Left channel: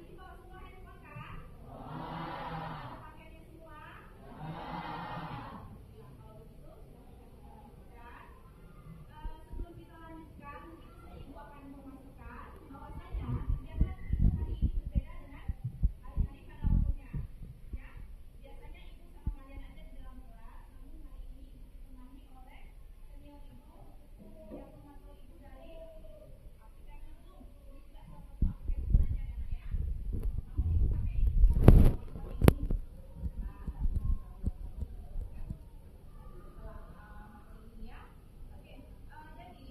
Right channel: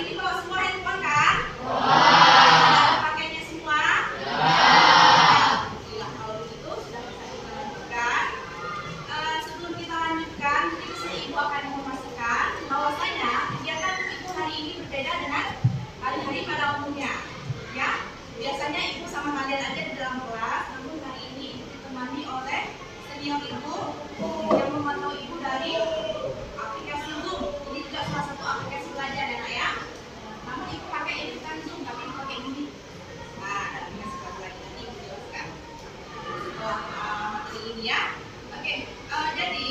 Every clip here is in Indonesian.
ini bawa semua handphone kan? Ada pakainya semua? Alhamdulillah, kalau begitu sudah bisa kita lanjutkan. Sebelum kita lanjutkan, mungkin di sini Ibu akan memastikan bahwasanya kegiatan Ibu hari ini berbeda dengan hari-hari pada umumnya. Ya, biasanya Ibu sama kalian aja di dalam kelas, namun hari ini Ibu ditemani oleh senior Ibu yang memantau Ibu dari aplikasi Zoom. Ini juga salah satu aplikasi belajar ya nak ya. Namun Ibu pakai ini kan Zoom, tapi Ibu pakai ini. Nah, ada aplikasi belajar nanti Ibu jelaskan setelah materi ini ya. Oke, jadi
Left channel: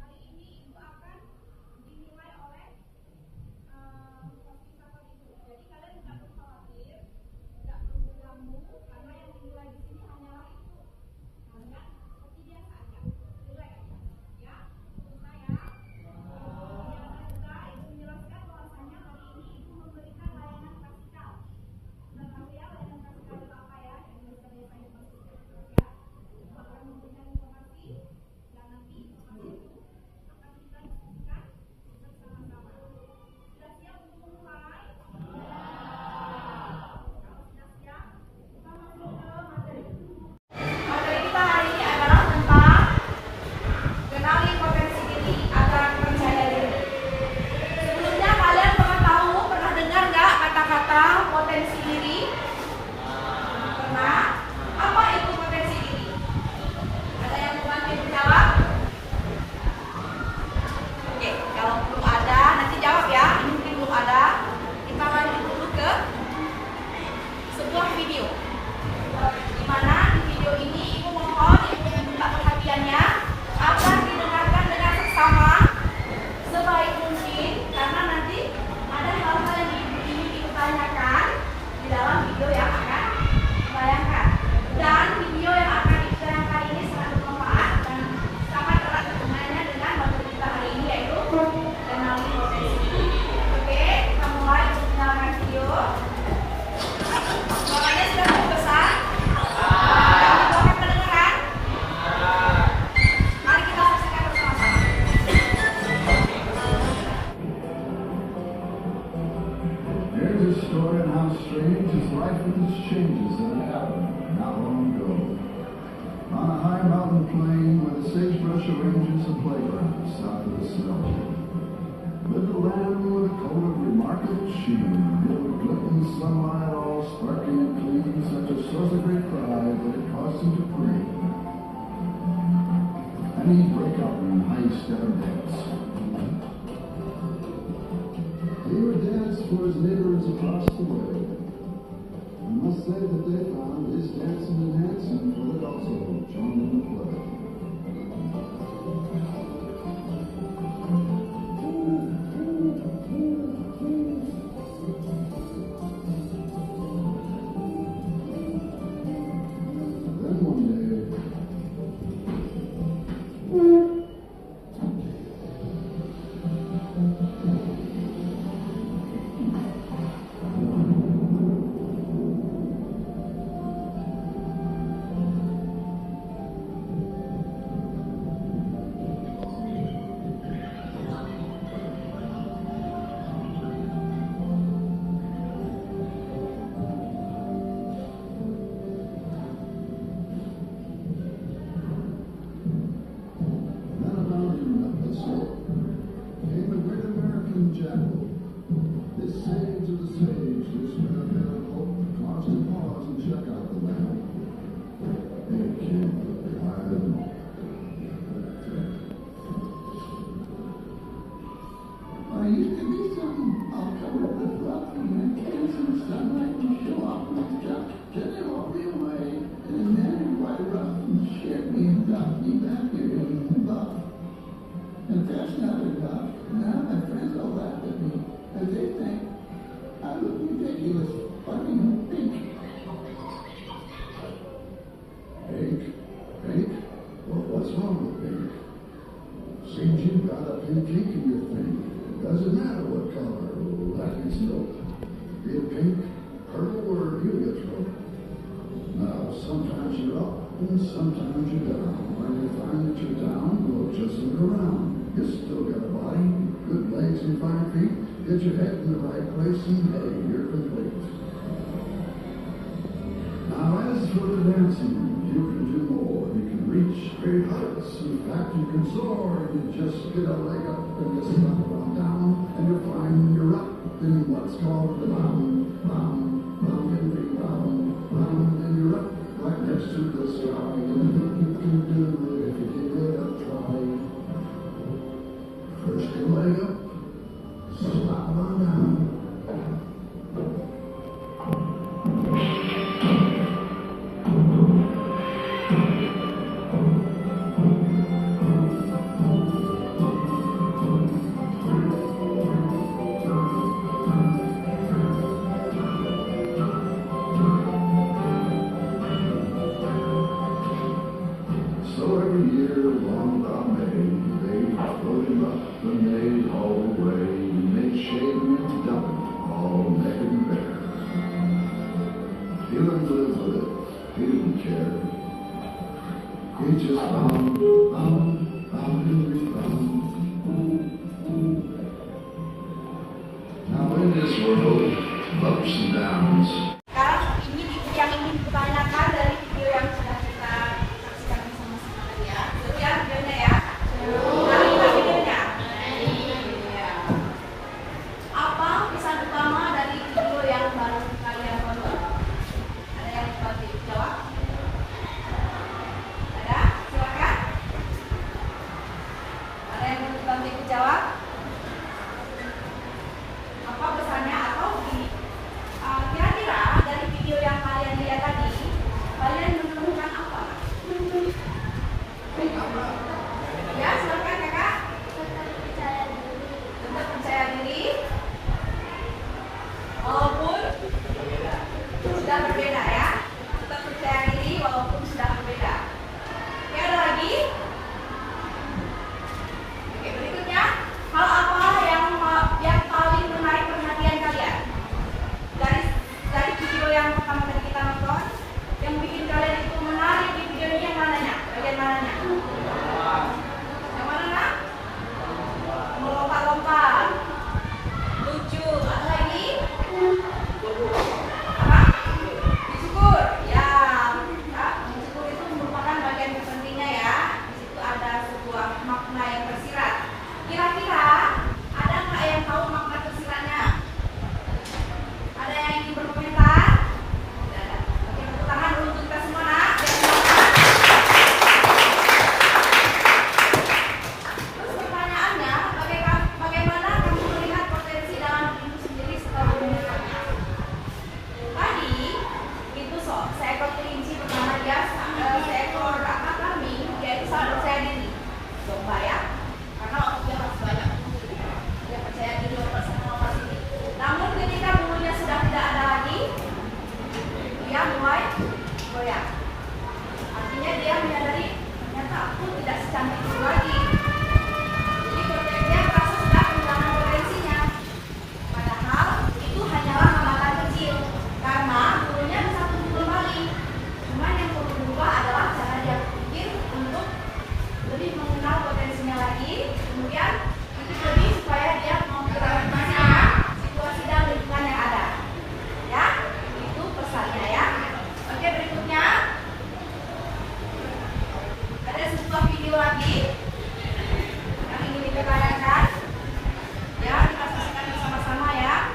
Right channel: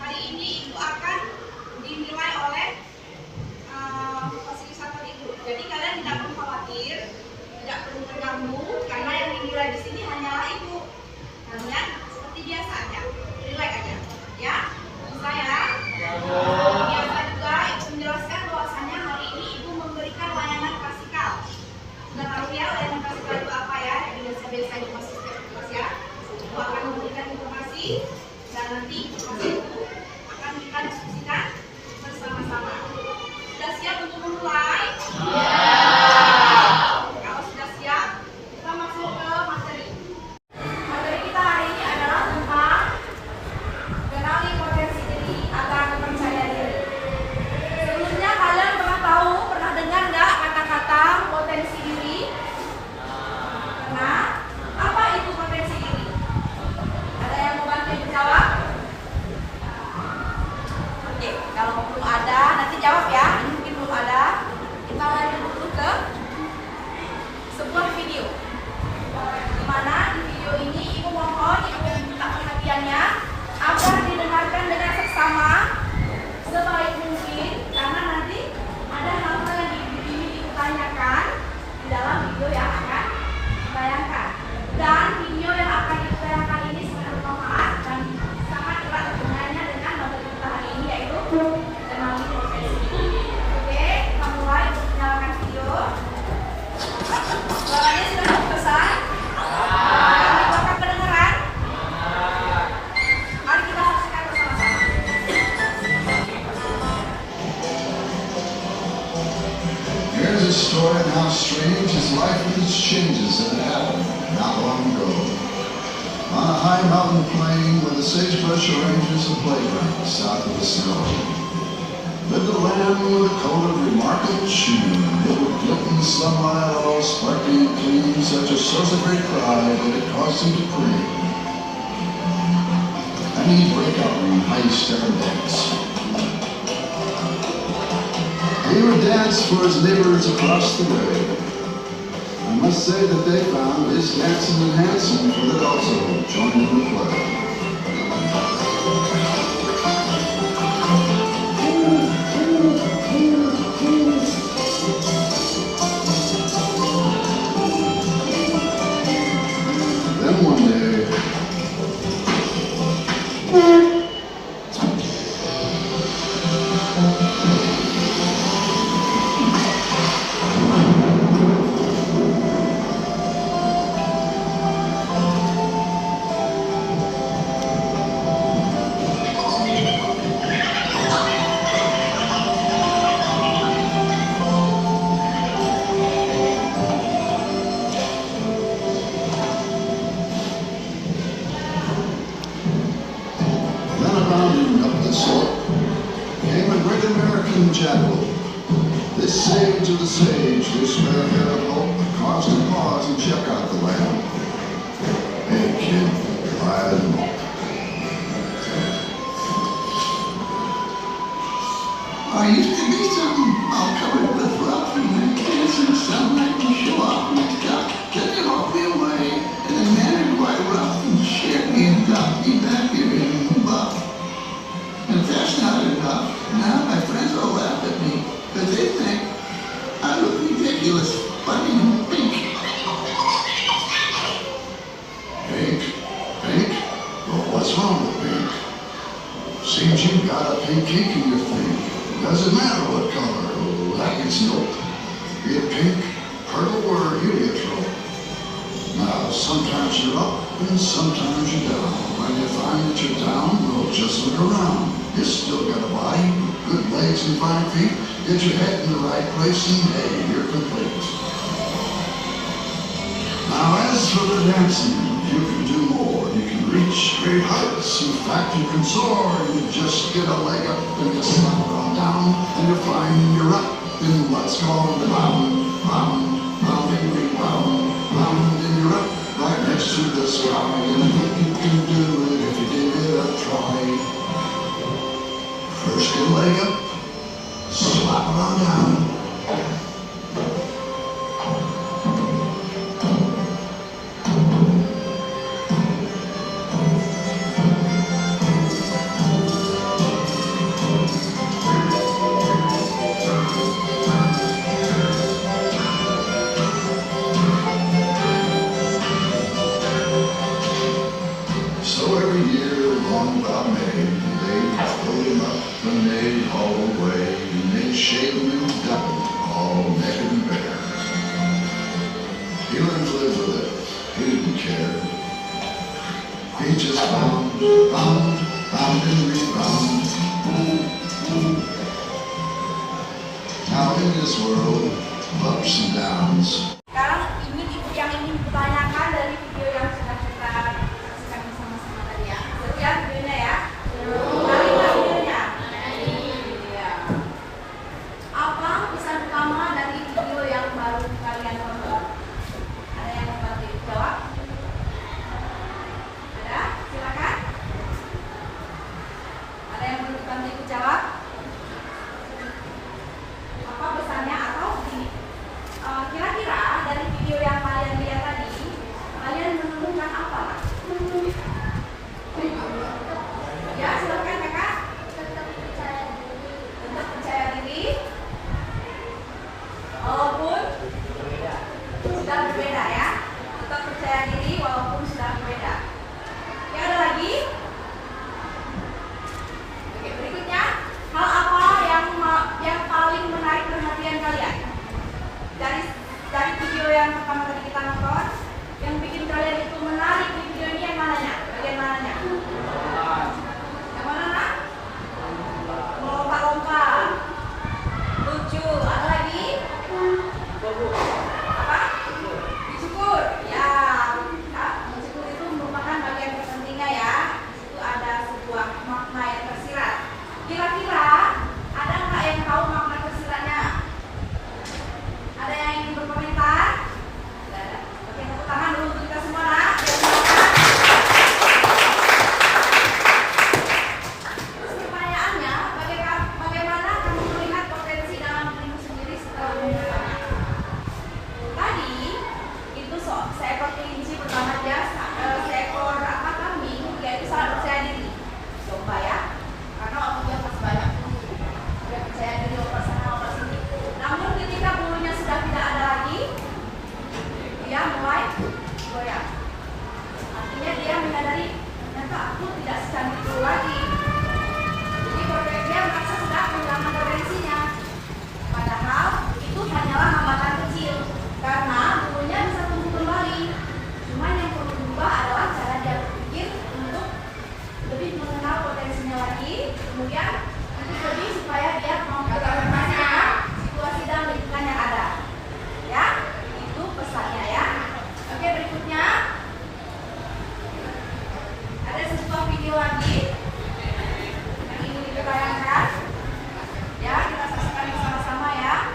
hari ini Ibu akan dinilai oleh fasilitator Ibu. Jadi kalian tidak perlu khawatir, tidak perlu terganggu, karena yang dinilai di sini hanyalah Ibu. Kalian seperti biasa aja, relax aja, ya. Bisa ya? Biasa juga Ibu menjelaskan bahwasanya hari ini Ibu memberikan layanan klasikal. Sudah tahu ya layanan klasikal itu apa ya? Yang biasa-biasa Ibu masih setiap kelas ya. Ibu akan memberikan informasi dan nanti informasi itu akan kita diskusikan bersama-sama. Sudah siap untuk memulai? Kalau sudah siap, kita masuk ke materi. Materi kita hari ini adalah tentang kenali potensi diri agar percaya diri. Sebelumnya kalian pernah dengar nggak kata-kata potensi diri? Pernah? Apa itu potensi diri? Ada yang mau bantu menjawab? Oke, kalau belum ada, nanti jawab ya. Ini mungkin belum ada. Kita lanjut dulu ke sebuah video. Di mana di video ini Ibu mohon Ibu minta perhatiannya agar didengarkan dengan seksama sebaik mungkin, karena nanti ada hal-hal yang ingin Ibu tanyakan di dalam video yang akan ditayangkan. Dan video yang akan ditayangkan ini sangat bermanfaat dan sangat erat hubungannya dengan materi kita hari ini, yaitu kenali potensi. Oke, kita mulai untuk menyalakan video. Suaranya sudah terpesan? Dan dibuka pendengaran? Mari kita saksikan bersama-sama. Here's a story of how strange his life with its changes that had happened not long ago. On a high mountain plain where the sagebrush oranges a playground south of the snow, lived a lamb with a coat of remarkable sheen, it would glint in the sunlight all sparkling and clean, such a source of great pride that it caused him to preen. And he'd break out in high-step dance. He would dance for his neighbors across the way. I must say that they found his dancing and handsome, for that also joined in the play. Then one day, jackal. This sage of the sage, this fair-haired oak, caused to pause and check out the lamb. Hey kid, I know. I used to be something all covered with rough and kids and sunlight and show off and stuff. Then they hauled me away in a manner quite rough and shared me and got me back here in buff. And if that's not enough, now my friends all laugh at me, because they think I look ridiculous, funny and pink. Pink? Pink? Well, what's wrong with pink? Seems you've got a pink ink in your thing. Doesn't matter what color, like it's milk. Be it pink, purple, or heliotrope. Now, sometimes you're up, and sometimes you're down. When you find that you're down, well, just look around. You still got a body, good legs and fine feet. Get your head in the right place and hey, you're complete. Now as for the dancing, you can do more. You can reach great heights. In fact, you can soar. You just get a leg up and you slap it on down and you find you're up in what's called the round, rounding, round, and you're up right next to the sky. And I think you can do it if you give it a try. First get a leg up, slap it on down. So every year along about May, they'd float him up and they'd haul away, and they'd shave him and dump him, all naked and bare. He learned to live with it. He didn't care. He just bound and rebound. Now in this world of ups and downs, Sekarang ini yang ingin dipertanyakan dari video yang sudah kita saksikan bersama-sama tadi ya. Seru ya videonya ya? Menarik nggak videonya? Iya. Apa pesan utama dari video yang baru kalian tonton? Ada yang mau jawab? Ada? Silakan. Ada yang mau bantu jawab? Apa pesannya atau begini? Kira-kira dari video yang kalian lihat tadi, kalian menemukan apa? Ya, silakan kakak. Tetap percaya diri. Walaupun sudah berbeda ya. Tetap percaya diri walaupun sudah berbeda. Ya, ada lagi? Oke, berikutnya. Hal apa yang paling menarik perhatian kalian? Dari video yang pertama tadi kita nonton, yang bikin kalian itu menarik di video ini yang mananya? Bagian mananya? Yang mana nak? Melompat-lompat, lucu. Ada lagi? Apa? Disyukur. Ya, disyukur itu merupakan bagian terpentingnya ya. Di situ ada sebuah makna yang tersirat. Kira-kira ada nggak yang tahu makna tersiratnya? Ada yang ingin berkomentar? Tidak ada. Oke, tepuk tangan dulu untuk kita semua nak. Terus pertanyaannya, bagaimana kamu melihat potensi dalam dirimu sendiri setelah menemukannya? Tadi itu seekor kelinci pertama dia seekor kambing, dia itu sangat percaya diri. Domba ya, karena dia masih banyak. Dia percaya diri obat sana obat sini. Namun ketika bulunya sudah tidak ada lagi, dia mulai goyah. Artinya dia menyadari ternyata aku tidak secantik dulu lagi. Jadi dia merasa sudah kehilangan potensinya. Padahal itu hanyalah hambatan kecil karena bulunya bisa tumbuh kembali. Cuma yang perlu berubah adalah cara dia berpikir untuk lebih mengenal potensinya lagi. Kemudian itu lebih supaya dia mau beradaptasi dengan situasi dan lingkungan yang ada. Ya, itu pesannya ya. Oke, berikutnya ada sebuah video lagi yang ingin dipertanyakan. Ya, kita saksikan bersama-sama ya.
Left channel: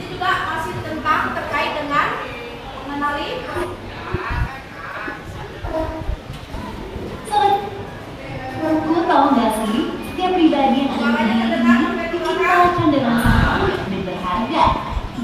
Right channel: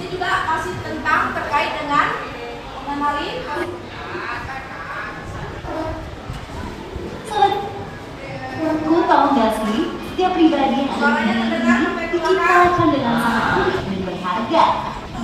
Ini juga masih tentang terkait dengan mengenali. Sobatku, tahu nggak sih, setiap pribadi yang ada di dunia ini diciptakan dengan sangat unik dan berharga.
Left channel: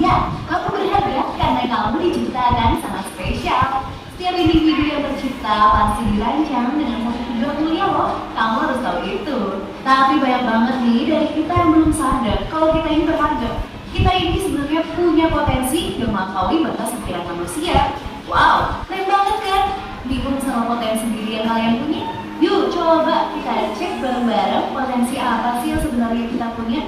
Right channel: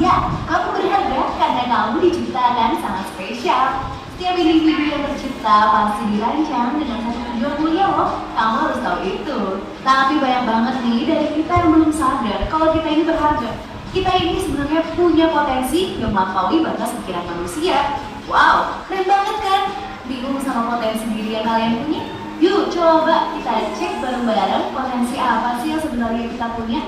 Ya, kamu berharga karena kamu diciptakan sangat spesial. Setiap individu yang tercipta pasti dirancang dengan satu tujuan mulia loh. Kamu harus tahu itu. Tapi banyak banget nih dari kita yang belum sadar kalau kita ini berharga. Kita ini sebenarnya punya potensi yang melampaui batas pikiran manusia. Wow, keren banget kan? Bingung sama potensi diri yang kalian punya? Yuk coba kita cek bareng-bareng potensi apa sih yang sebenarnya kita punya.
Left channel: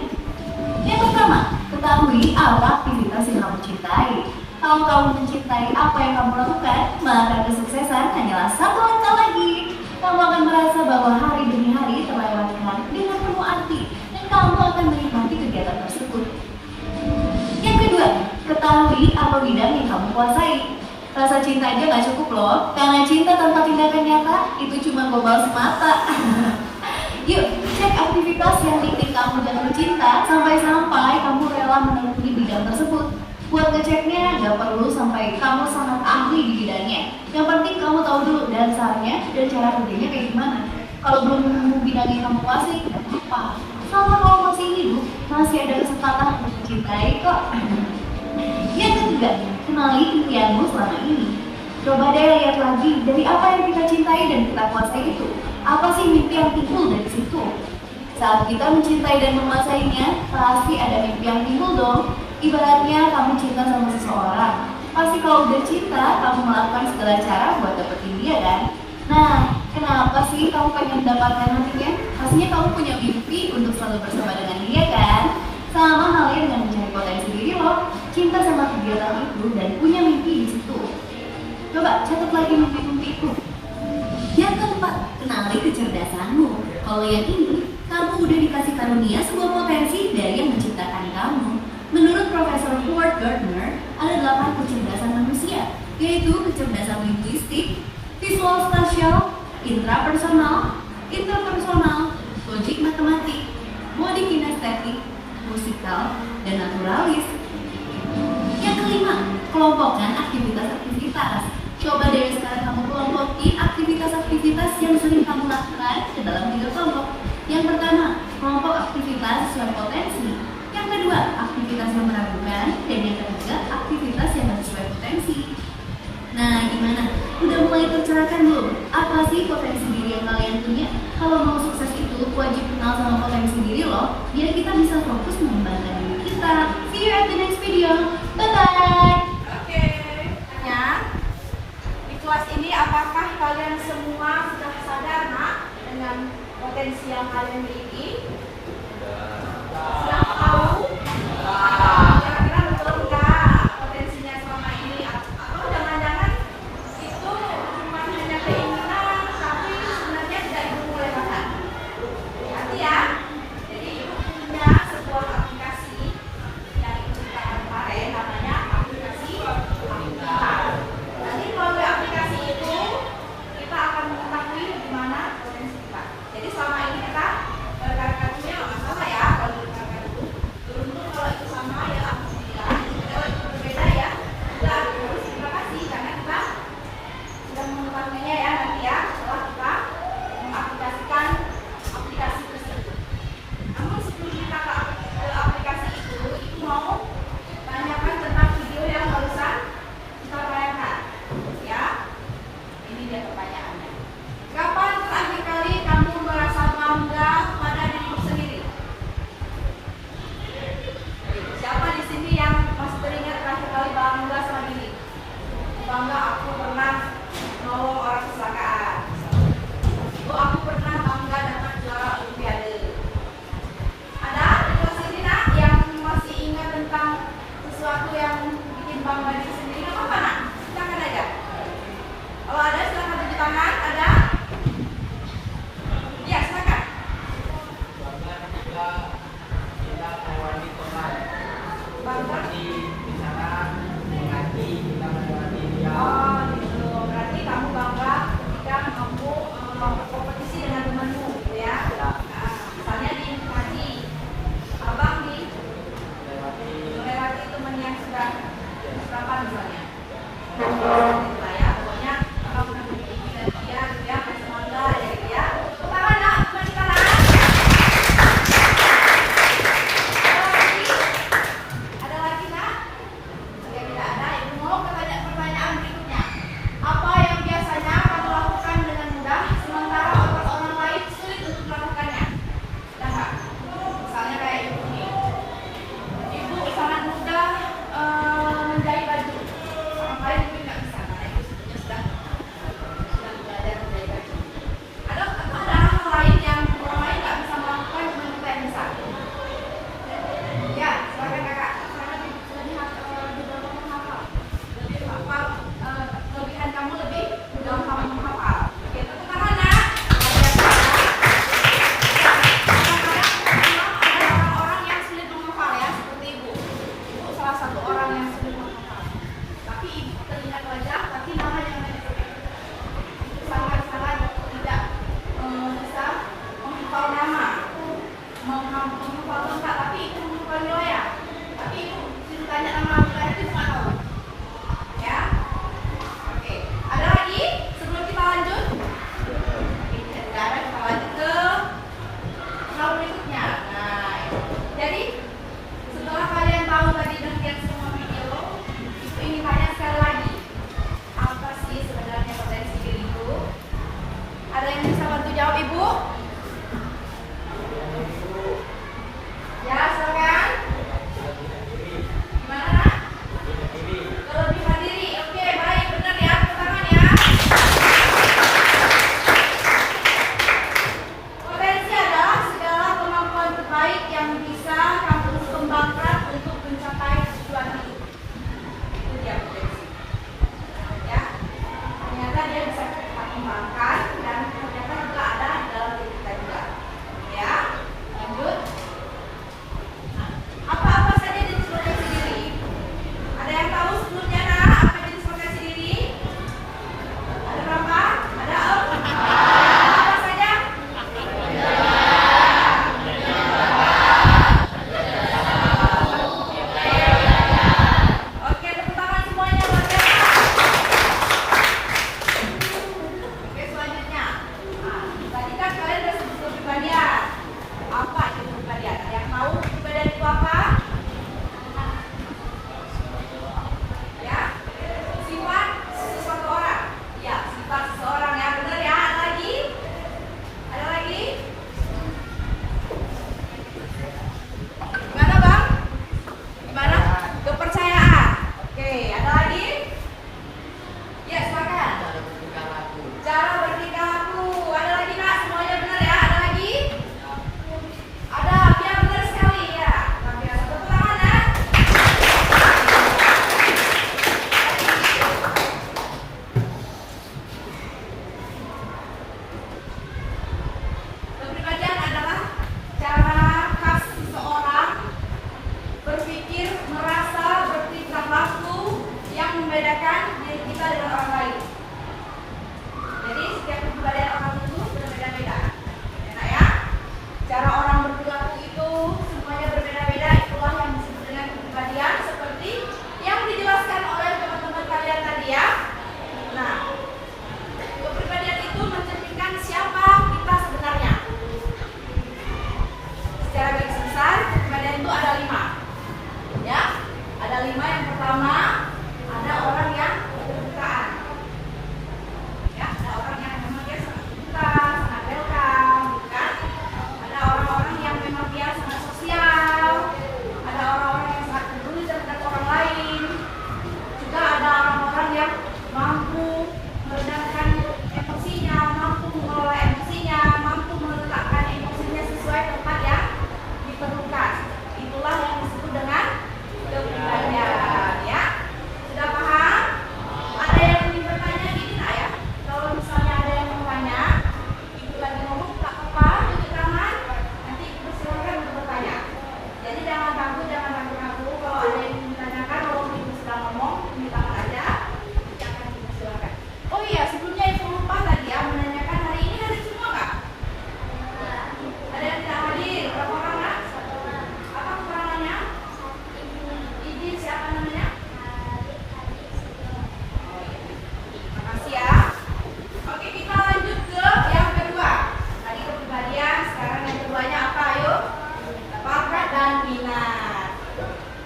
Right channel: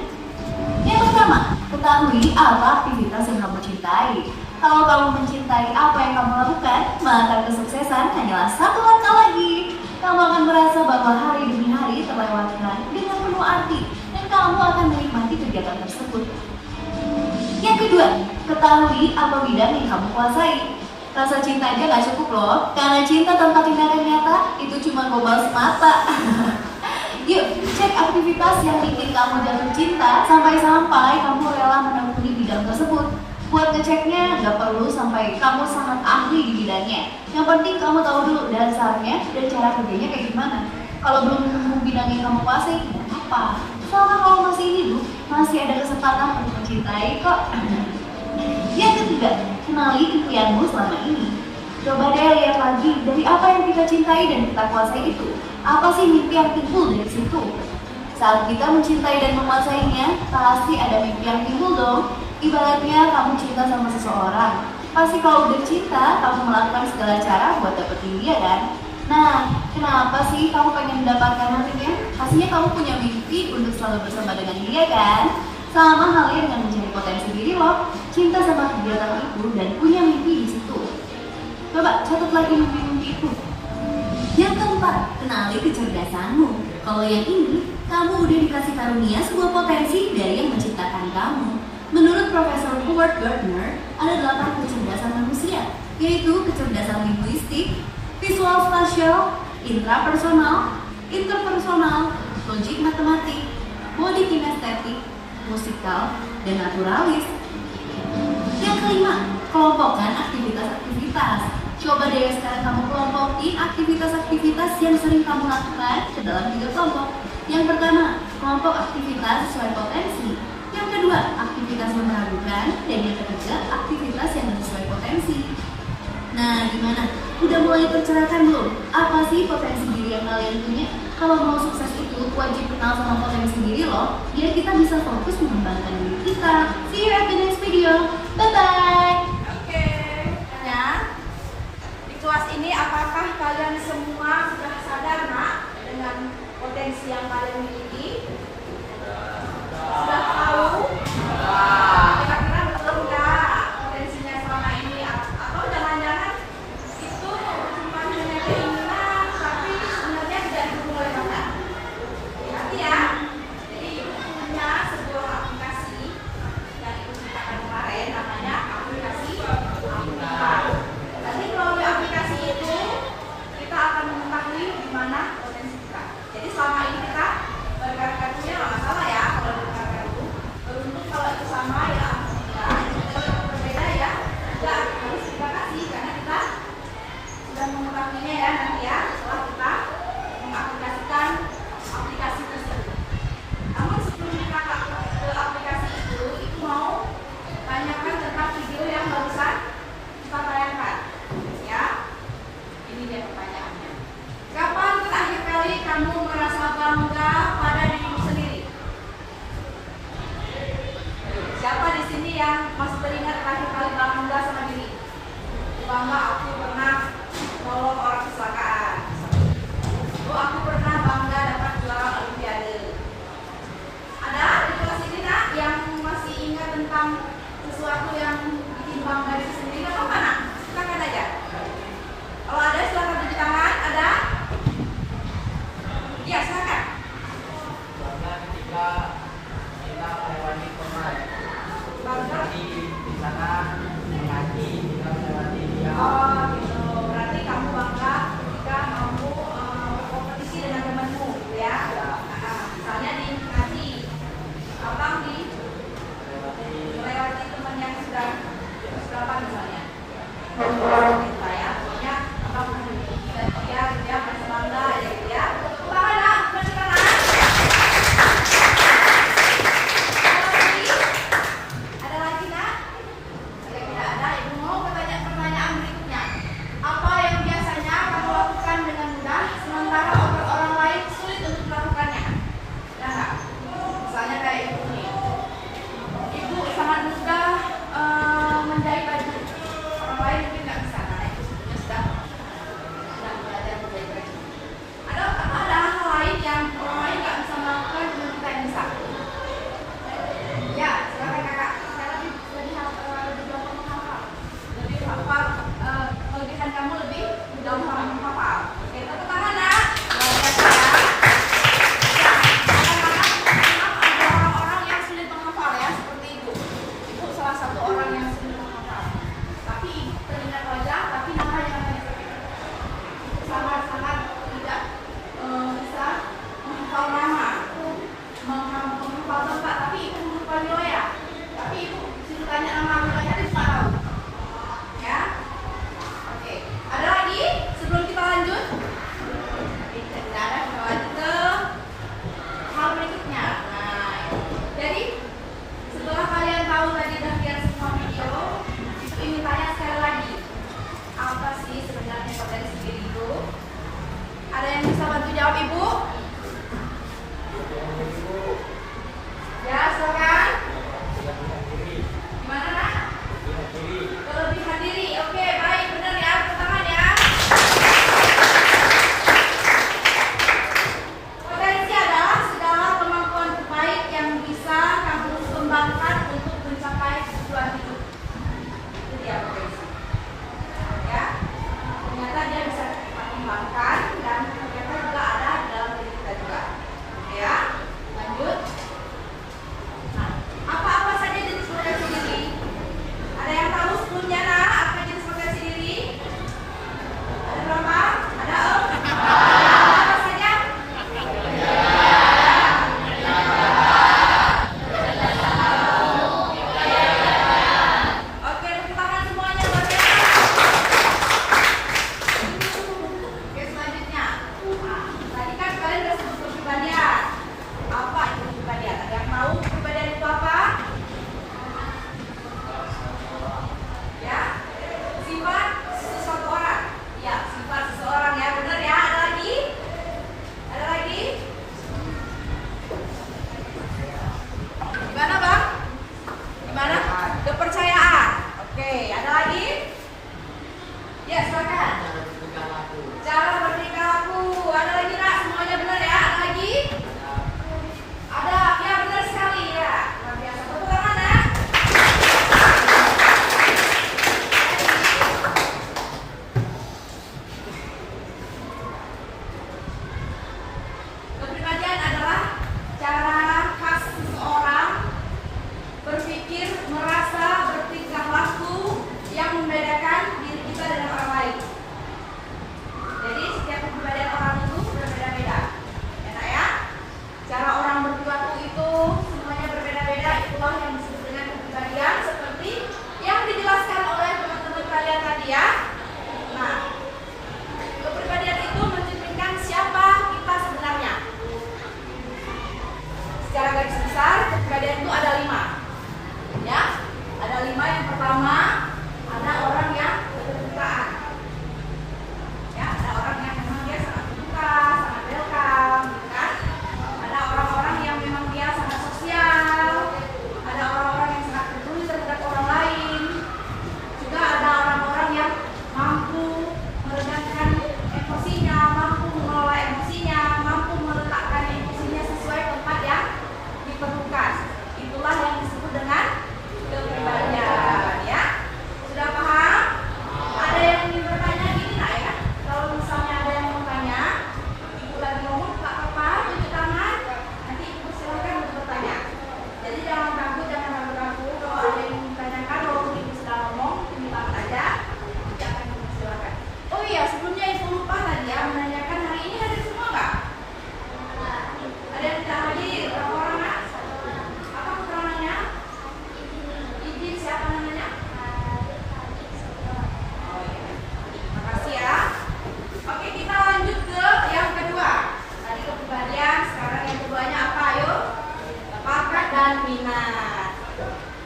Yang pertama, ketahui apa aktivitas yang kamu cintai. Kalau kamu mencintai apa yang kamu lakukan, maka kesuksesan hanyalah satu langkah lagi. Kamu akan merasa bahwa hari demi hari terlewatkan dengan penuh arti. Dan kamu akan menikmati kegiatan tersebut. Yang kedua, ketahui apa bidang yang kamu kuasai. Rasa cinta aja gak cukup loh, karena cinta tanpa tindakan nyata itu cuma gombal semata. Yuk, cek aktivitas yang bikin kamu jatuh cinta sampai-sampai kamu rela menekuni bidang tersebut. Buat ngeceknya, gak perlu sampai kamu sangat ahli di bidangnya. Yang penting kamu tahu dulu dasarnya dan cara kerjanya kayak gimana. Kalau belum nemu bidang yang kamu kuasai, tidak apa. Selama kamu masih hidup, masih ada kesempatan untuk mencintai kok. Yang ketiga, kenali impianmu selama ini. Coba deh lihat lagi dari apa yang kita cintai dan kita kuasai itu. Apa sih mimpi yang timbul dari situ? Saat kita mencintai dan menguasainya, pasti ada mimpi yang timbul dong. Ibaratnya kamu cinta sama seseorang, pasti kalau udah cinta, kamu melakukan segala cara buat dapetin dia kan? Nah, kenapa sih kamu pengen mendapatkan nantinya? Pastinya kamu punya mimpi untuk selalu bersama dengan dia kan? Sama halnya dengan mencari potensi diri loh, cinta sama kegiatan itu dan punya mimpi di situ. Coba catat lagi mimpi-mimpi itu. Yang keempat, kenali kecerdasanmu. Kalau yang ini, kamu udah dikasih karunia sebuah potensi dari yang menciptakan kamu. Menurut Profesor Howard Gardner, ada 8 kecerdasan manusia, yaitu kecerdasan linguistik, visual spasial, intrapersonal, interpersonal, logik matematik, body kinestetik, musikal, dan naturalis. Yang kelima, kelompokkan aktivitas-aktivitas. Coba deh sekarang kamu kelompokin aktivitas-aktivitas yang sering kamu lakukan ke dalam 3 kelompok. Yang pertama, kelompok aktivitas sesuai potensi. Yang kedua, aktivitas yang meragukan. Dan yang ketiga, aktivitas yang sesuai potensi. Nah, gimana? Udah mulai tercerahkan belum? Apa sih potensi diri yang kalian punya? Kalau mau sukses itu, wajib kenal sama potensi diri loh, biar kita bisa fokus mengembangkan diri kita. See you at the next video. Bye-bye! Oke, di kelas ini apakah kalian semua sudah sadar nak dengan potensi yang kalian miliki? Sudah tahu? Kira-kira betul nggak potensinya selama ini? Atau jangan-jangan itu cuma hanya keinginan, tapi sebenarnya tidak didukung oleh bakat? Hati ya. Jadi ibu punya sebuah aplikasi yang ibu ciptakan kemarin, namanya aplikasi Apika. Nanti melalui aplikasi itu kita akan mengetahui di mana potensi kita. Jadi selama ini kita berkarya nggak masalah ya kalau berkarya itu. Beruntung kalau itu sama ya alhamdulillah. Kalau itu berbeda ya juga harus kita kasih karena kita sudah mengetahuinya ya nanti ya setelah kita mengaplikasikan aplikasi tersebut. Namun sebelum kita ke aplikasi itu mau tanyakan tentang video yang barusan kita tayangkan ya. Ini dia pertanyaannya. Kapan terakhir kali kamu merasa bangga pada dirimu sendiri? Siapa di sini yang masih teringat terakhir kali bangga sama diri? Bangga aku pernah nolong orang kecelakaan. Oh, aku pernah bangga dapat juara olimpiade. Ada di kelas ini nak yang masih ingat tentang sesuatu yang bikin bangga diri sendiri? Nggak apa-apa nak, silakan aja. Kalau ada silakan tunjuk tangan. Ada? Ya silakan. Bangga. Oh gitu. Berarti kamu bangga ketika mampu berkompetisi dengan temanmu gitu ya. Nah, misalnya di tadi abang melewati teman yang sudah berapa misalnya. Kita ya, pokoknya abang dan dia masih bangga ya gitu ya. Pertama nak, masih tangan. Ada lagi nak?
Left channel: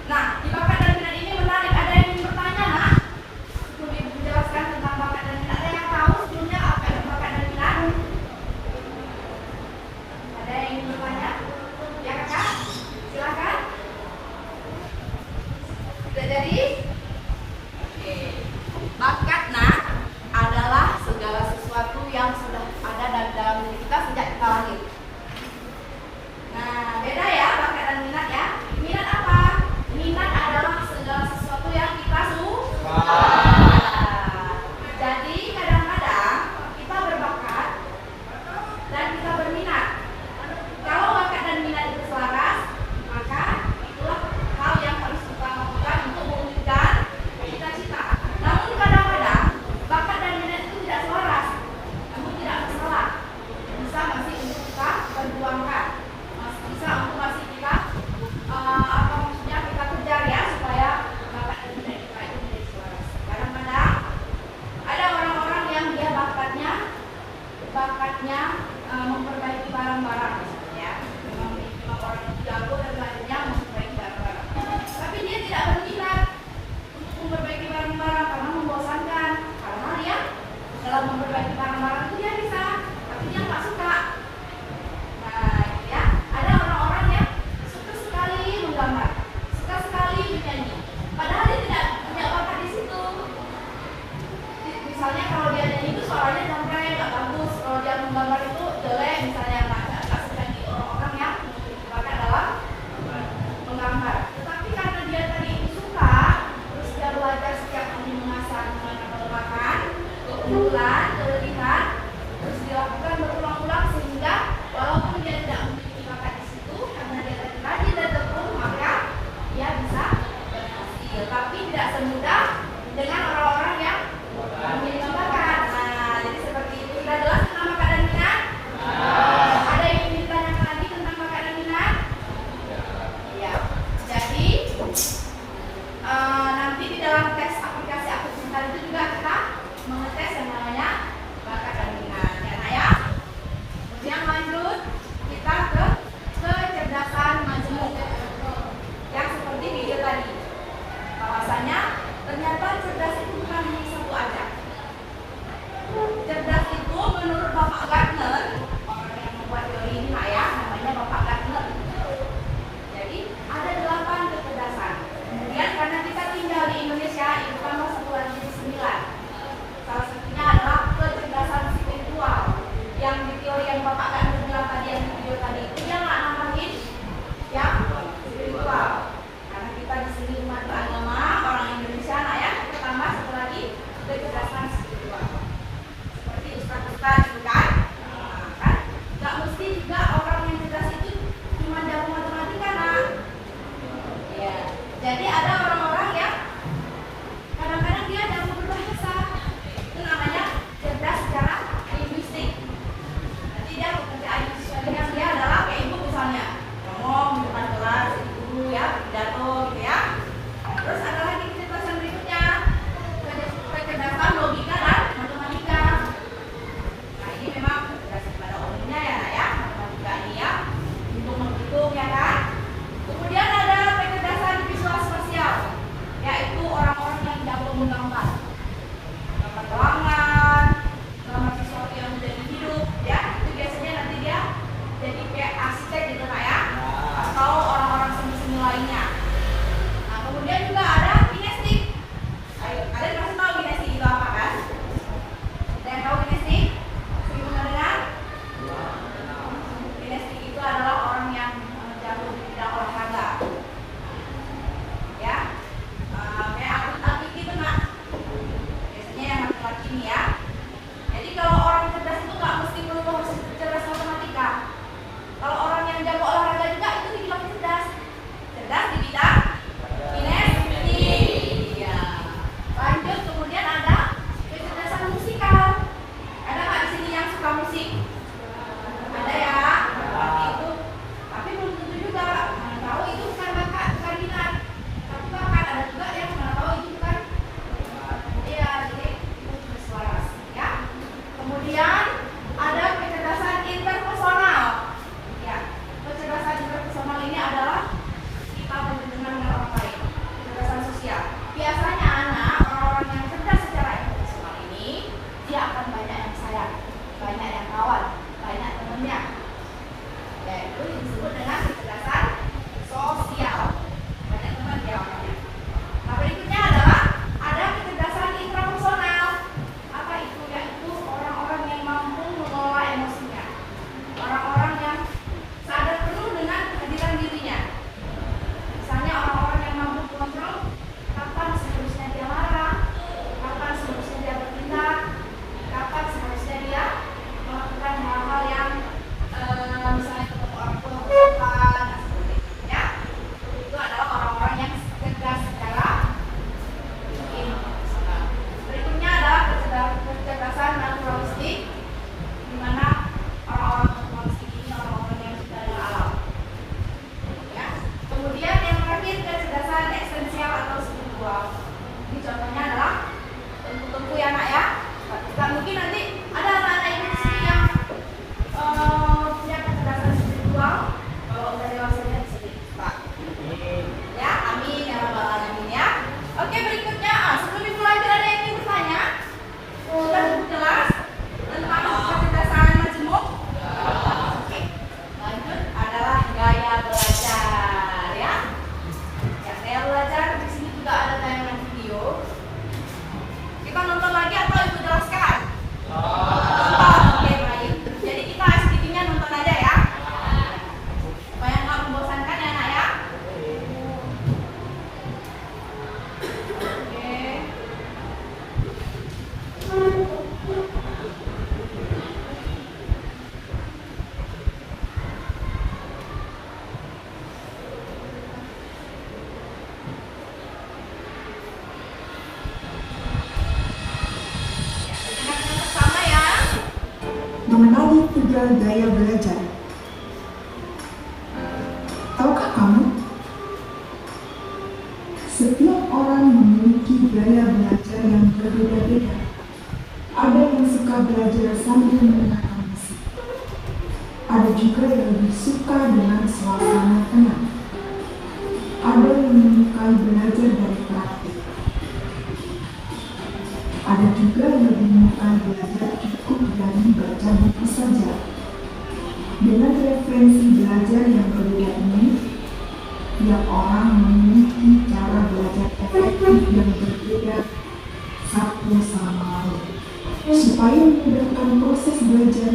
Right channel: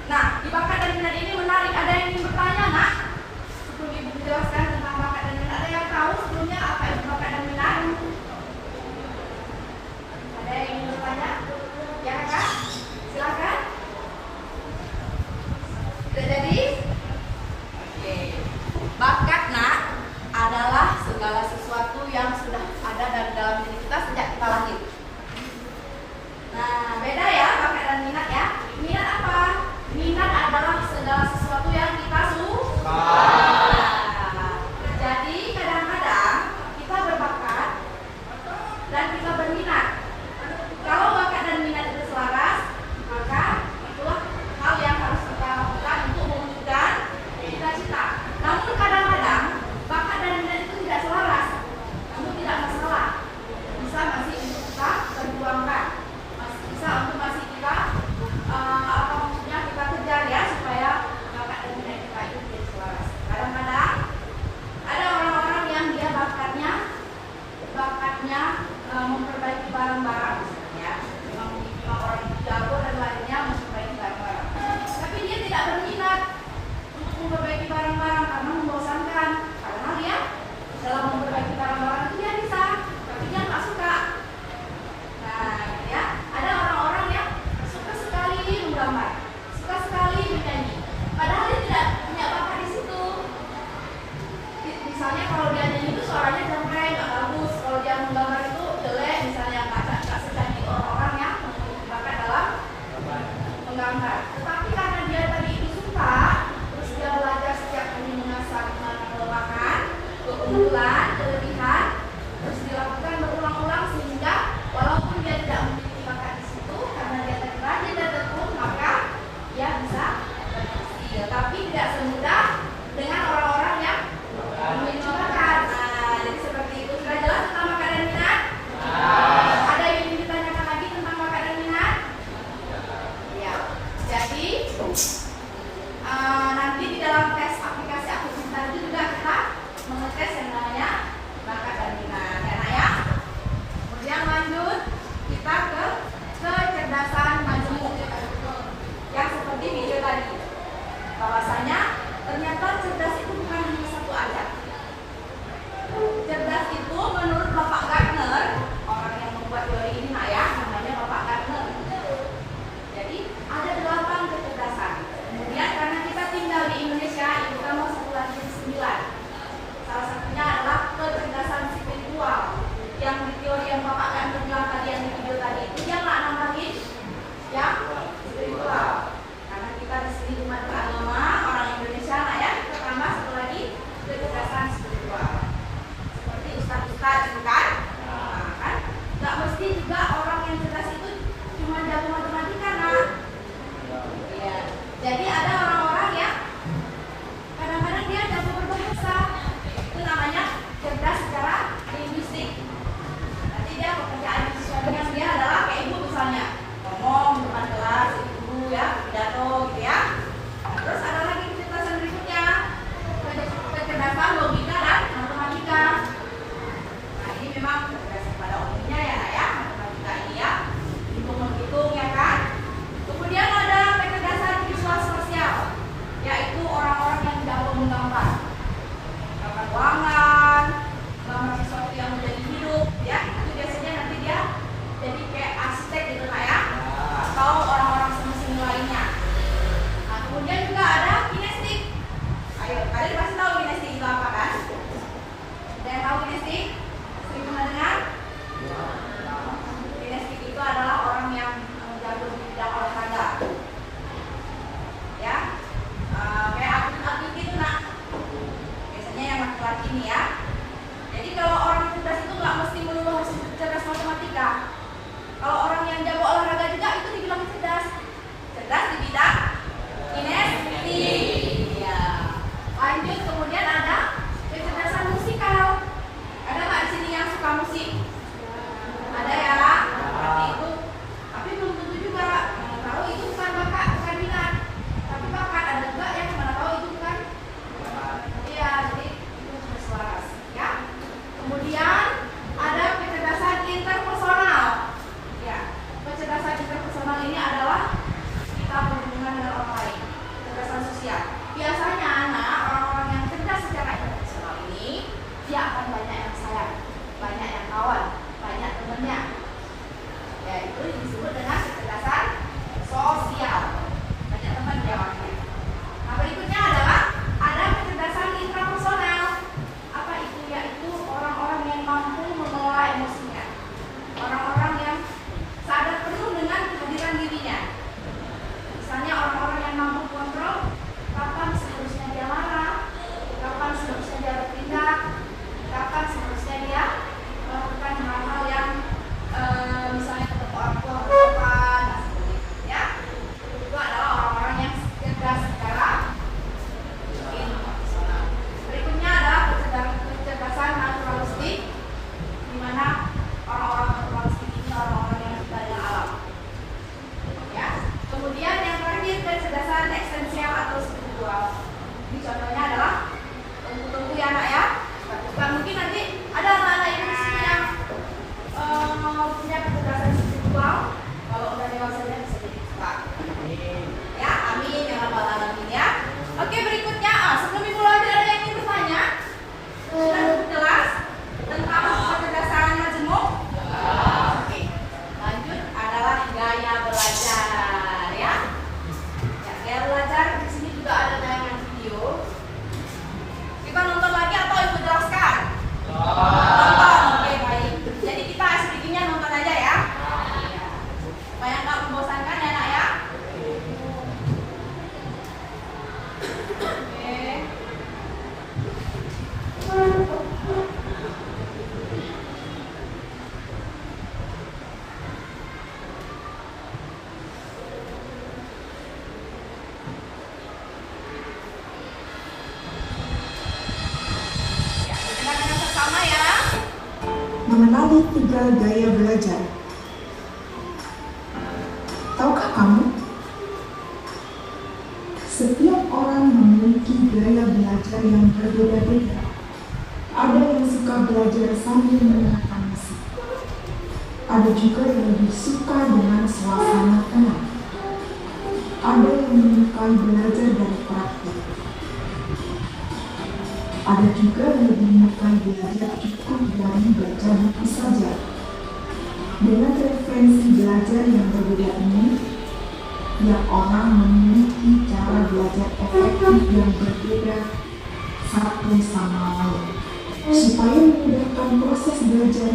Nah, di bakat dan minat ini menarik. Ada yang ingin bertanya, nak? Sebelum ibu menjelaskan tentang bakat dan minat, ada yang tahu sebelumnya apa itu bakat dan minat? Ada yang ingin bertanya? Ya kakak? Silakan. Sudah jadi? Oke. Bakat, nak, adalah segala sesuatu yang sudah ada dalam diri kita sejak kita lahir. Nah, beda ya bakat dan minat ya. Minat apa? Minat adalah segala sesuatu yang kita suka. Jadi kadang-kadang kita berbakat dan kita berminat. Kalau bakat dan minat itu selaras, maka itulah hal yang harus kita lakukan untuk mewujudkan cita-cita. Namun kadang-kadang bakat dan minat itu tidak selaras. Namun tidak masalah. Bisa masih untuk kita perjuangkan. Bisa untuk masih kita apa maksudnya kita kejar ya supaya bakat dan minat kita itu menjadi selaras. Kadang-kadang ada orang-orang yang dia bakatnya memperbaiki barang-barang misalnya ya. Memang orang jago dan lainnya memperbaiki barang-barang. Tapi dia tidak berminat untuk memperbaiki barang-barang karena membosankan. Karena dia dalam memperbaiki barang-barang itu dia bisa, tapi dia nggak suka. Nah, ya, ada orang-orang yang suka sekali menggambar, suka sekali menyanyi. Padahal dia tidak punya bakat di situ. Misalnya kalau dia nyanyi itu suaranya cempreng, nggak bagus. Kalau dia menggambar itu jelek, misalnya nggak secantik orang-orang yang bakat dalam menggambar. Tetapi karena dia tadi itu suka, terus dia belajar setiap hari mengasah makan, keunggulan, kelebihan, terus dilakukan berulang-ulang sehingga walaupun dia tidak memiliki bakat di situ, karena dia tadi rajin dan tekun, maka dia bisa berhasil. Tapi tidak semudah dengan orang-orang yang memiliki bakat. Nah, jadi seperti itu. Sudah jelas tentang bakat dan minat? Ada yang ingin ditanyakan lagi tentang bakat dan minat? Iya. Jadi nanti di dalam tes aplikasi Aku Pintar itu juga kita mengetes yang namanya bakat dan minat, ya nak ya. Kemudian lanjut kita ke kecerdasan majemuk yang seperti video tadi. Bahwasanya ternyata cerdas itu bukan hanya satu aja. Cerdas itu menurut Bapak Gardner, orang yang membuat teori ini nak ya, namanya Bapak Gardner. Jadi ada 8 kecerdasan. Kemudian karena kita tinggal di Indonesia, itu tambah satu lagi 9. Salah satunya adalah kecerdasan spiritual. Yang di teori yang Bapak Gardner bilang tadi, yang di video tadi, itu dia nggak nambahin yang spiritual. Karena kita di sini umat beragama, orang Indonesia nak ya, kita tambah satu lagi kecerdasan spiritual. Seperti ustaz-ustaz itu kan? Nah, kan? Nggak mesti juga orang yang cerdas itu cuma jago matematika nak. Ya. Jadi ada orang-orang yang kadang-kadang dia jago berbahasa. Itu namanya cerdas secara linguistik. Nanti dia pekerjaan sehari-hari dia adalah kayak ibu misalnya, ngomong di depan kelas, itu ya, pidato gitu ya. Nah, terus ada lagi kecerdasan berikutnya, kecerdasan logika dan matematika. Nah, ini memang kecerdasan pada umumnya ya nak ya, matematika ini ya, hitung-hitung ya kan. Kemudian ada kecerdasan visual sosial. mengenali 3 gaya belajar. Tahukah kamu? Setiap orang memiliki gaya belajar yang berbeda-beda. Ada yang suka belajar sambil mendengarkan musik. Ada juga yang lebih suka dengan suasana tenang. Ada yang menyukai belajar dari praktik. Ada juga yang lebih menyukai belajar cukup dari baca buku saja. Dengan referensi belajar yang berbeda ini, tiap orang memiliki cara belajar efektif yang berbeda satu sama lain. Supaya memudahkan proses belajar,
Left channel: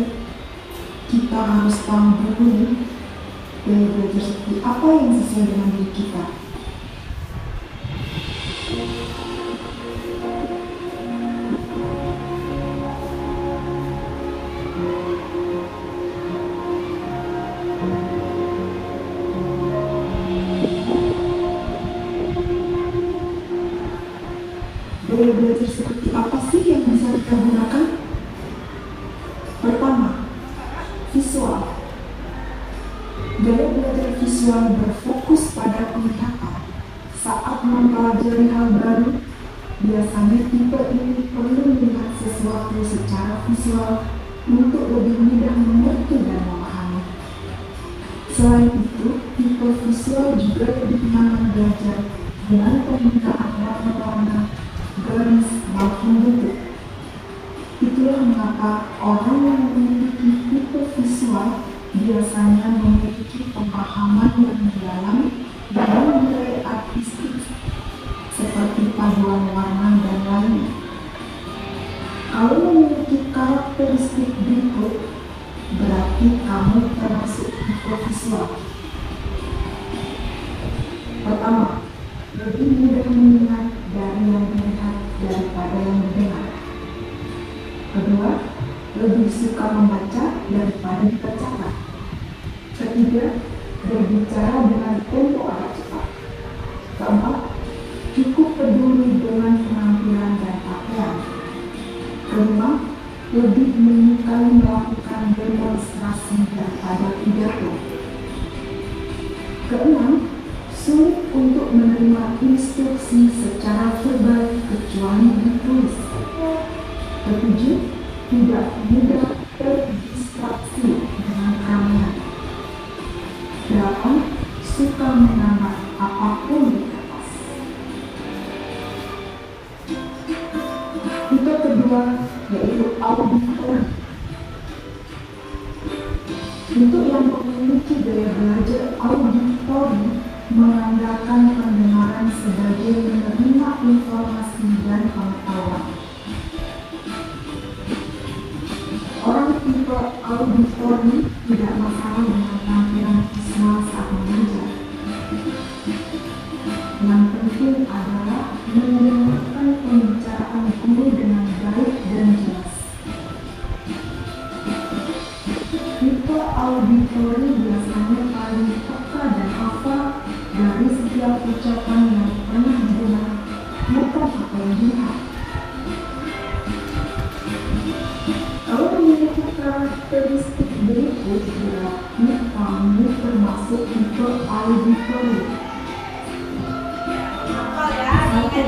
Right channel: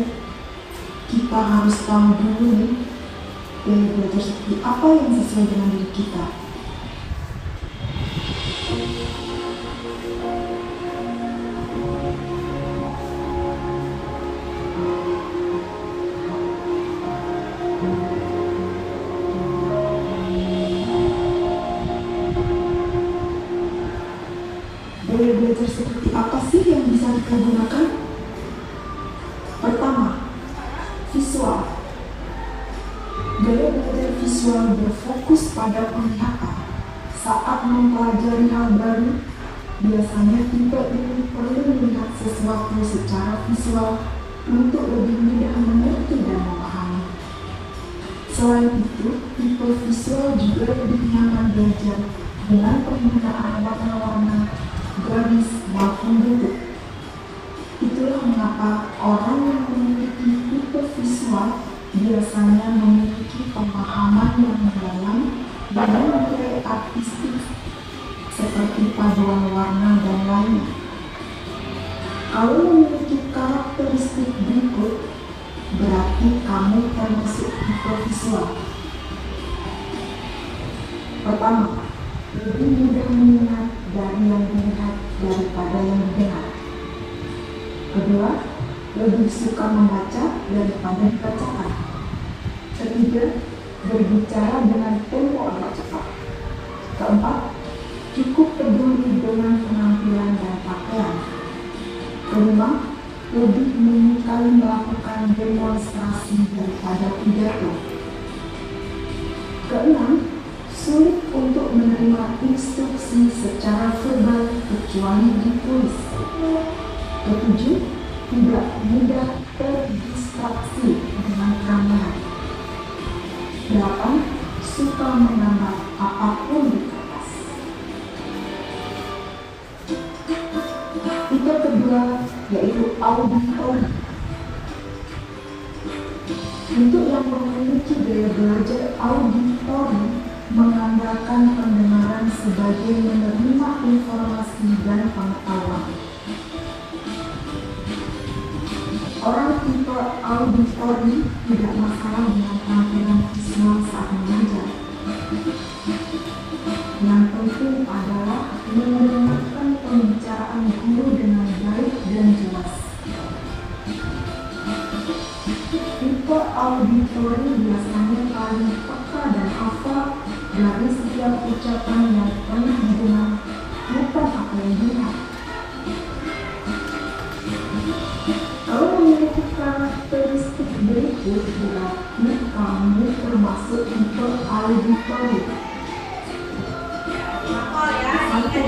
kita harus tahu dulu gaya belajar seperti apa yang sesuai dengan diri kita. Gaya belajar seperti apa sih yang bisa kita gunakan? Pertama, visual. Gaya belajar visual berfokus pada penglihatan. Saat mempelajari hal baru, biasanya tipe ini perlu melihat sesuatu secara visual untuk lebih mudah mengerti dan memahami. Selain itu, tipe visual juga lebih nyaman belajar dengan penggunaan warna-warna, garis, maupun bentuk. Itulah mengapa orang yang memiliki tipe visual biasanya memiliki pemahaman yang mendalam dengan nilai artistik seperti paduan warna dan lainnya. Kalau memiliki karakteristik berikut, berarti kamu termasuk tipe visual. Pertama, lebih mudah mengingat dari yang dilihat daripada yang didengar. Kedua, lebih suka membaca daripada dibacakan. Ketiga, berbicara dengan tempo agak cepat. Keempat, cukup peduli dengan penampilan dan pakaian. Kelima, lebih menyukai melakukan demonstrasi daripada pidato. Keenam, sulit untuk menerima instruksi secara verbal kecuali ditulis. Ketujuh, tidak mudah terdistraksi dengan kamera. 8. Suka menambah apapun di kertas. Tipe kedua yaitu auditori. Untuk yang memiliki gaya belajar auditori mengandalkan pendengaran sebagai menerima informasi dan pengetahuan. Orang tipe auditori tidak masalah dengan tampilan visual saat mengajar. Yang penting adalah mendengarkan pembicaraan guru dengan baik dan jelas. Tipe auditori biasanya paling peka dan hafal dari setiap ucapan yang pernah didengar, bukan apa yang dilihat. Kalau memiliki karakteristik berikut, berarti kamu termasuk tipe auditori. Satu,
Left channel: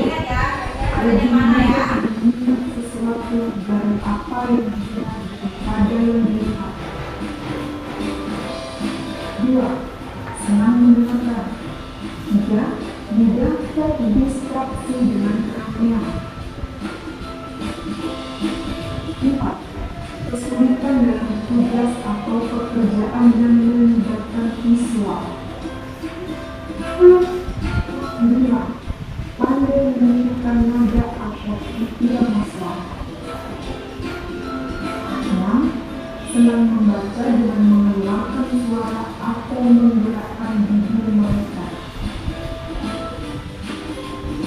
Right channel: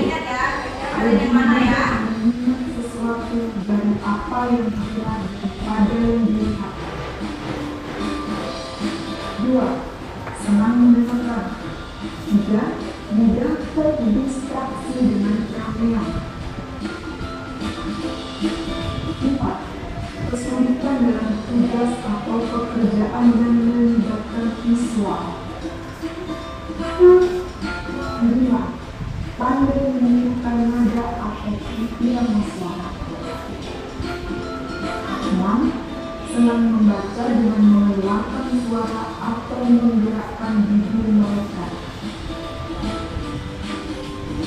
lebih mudah mengingat sesuatu dari apa yang didengar daripada yang dilihat. Dua, senang mendengarkan. Tiga, mudah terdistraksi dengan keramaian. Empat, kesulitan dalam tugas atau pekerjaan yang melibatkan visual. 5. Pandai menirukan nada atau irama suara. 6. Senang membaca dengan mengeluarkan suara atau menggerakkan bibir mereka.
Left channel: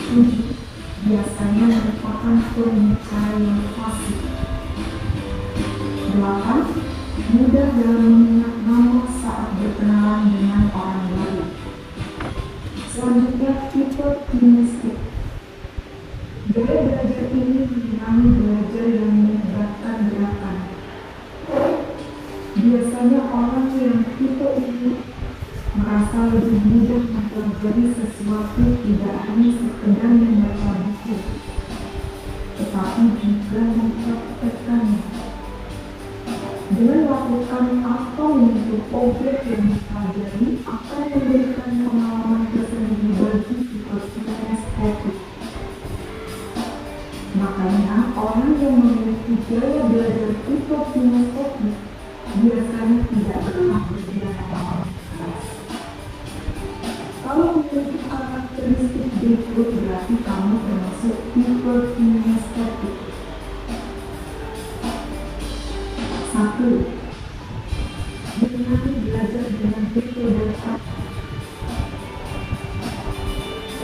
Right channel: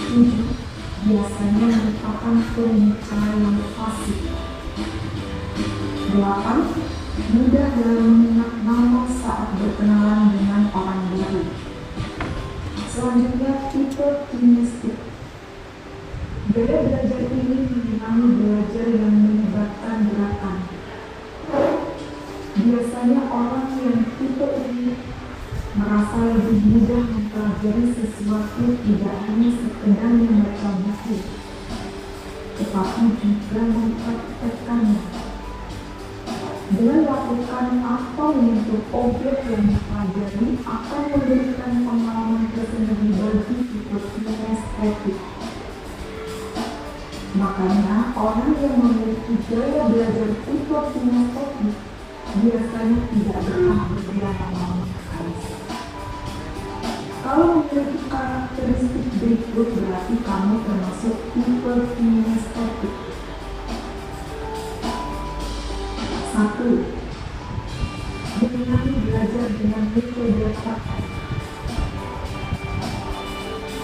7. Biasanya merupakan pembicara yang fasih. 8. Mudah dalam mengingat nama saat berkenalan dengan orang baru. Selanjutnya, tipe kinestik. Gaya belajar ini mengenai belajar yang melibatkan gerakan. lebih mudah mempelajari sesuatu tidak hanya sekedar membaca buku, tetapi juga mempraktekkannya. Dengan melakukan atau menyentuh objek yang dipelajari akan memberikan pengalaman tersendiri bagi sifat kinestetik. Makanya orang yang memiliki gaya belajar sifat kinestetik biasanya tidak pernah berjalan keras. Kalau memiliki karakteristik berikut berarti kamu termasuk tipe kinestetik. 1. Menikmati belajar dengan metode kata.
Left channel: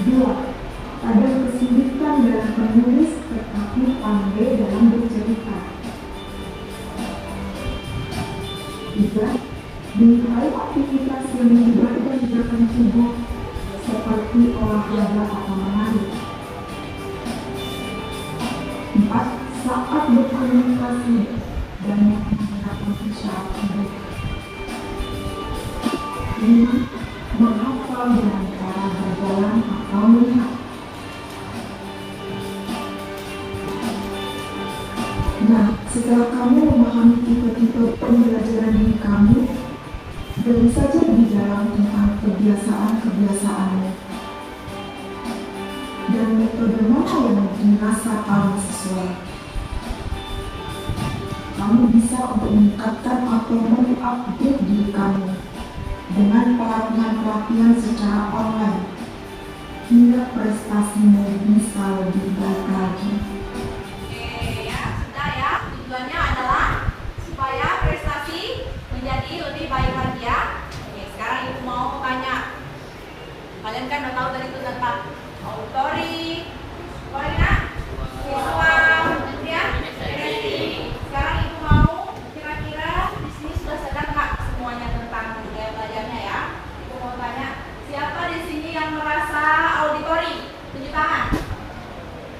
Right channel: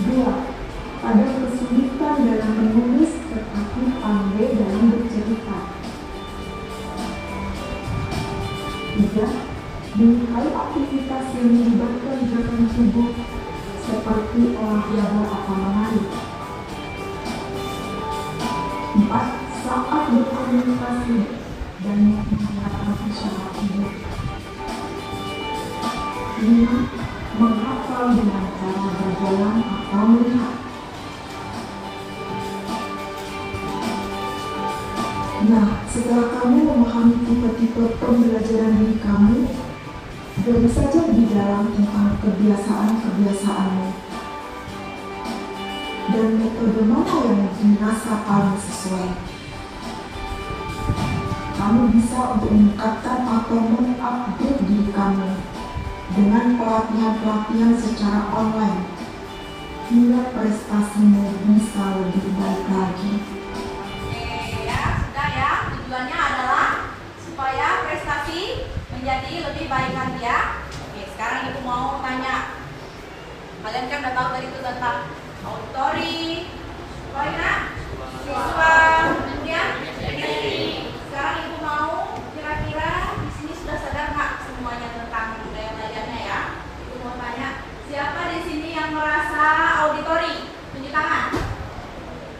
2. Ada kesulitan dalam menulis tetapi pandai dalam bercerita. 3. Menyukai aktivitas yang melibatkan gerakan tubuh seperti olahraga atau menari. 4. Saat berkomunikasi banyak menggunakan isyarat tubuh. 5. Menghafal dengan cara berjalan atau melihat. Nah, setelah kamu memahami tipe-tipe pembelajaran diri kamu, baru saja berbicara tentang kebiasaan-kebiasaanmu dan metode mana yang dirasa paling sesuai. Kamu bisa untuk meningkatkan atau mengupdate diri kamu dengan pelatihan-pelatihan secara online hingga prestasimu bisa lebih baik lagi. Tujuannya adalah supaya prestasi menjadi lebih baik lagi ya. Oke, sekarang ibu mau tanya. Kalian kan udah tahu tadi itu tentang auditori, visual, kemudian sekarang ibu mau kira-kira di sini sudah sadar nggak semuanya tentang budaya belajarnya ya? Ibu mau tanya, siapa di sini yang merasa auditori? Tunjuk tangan.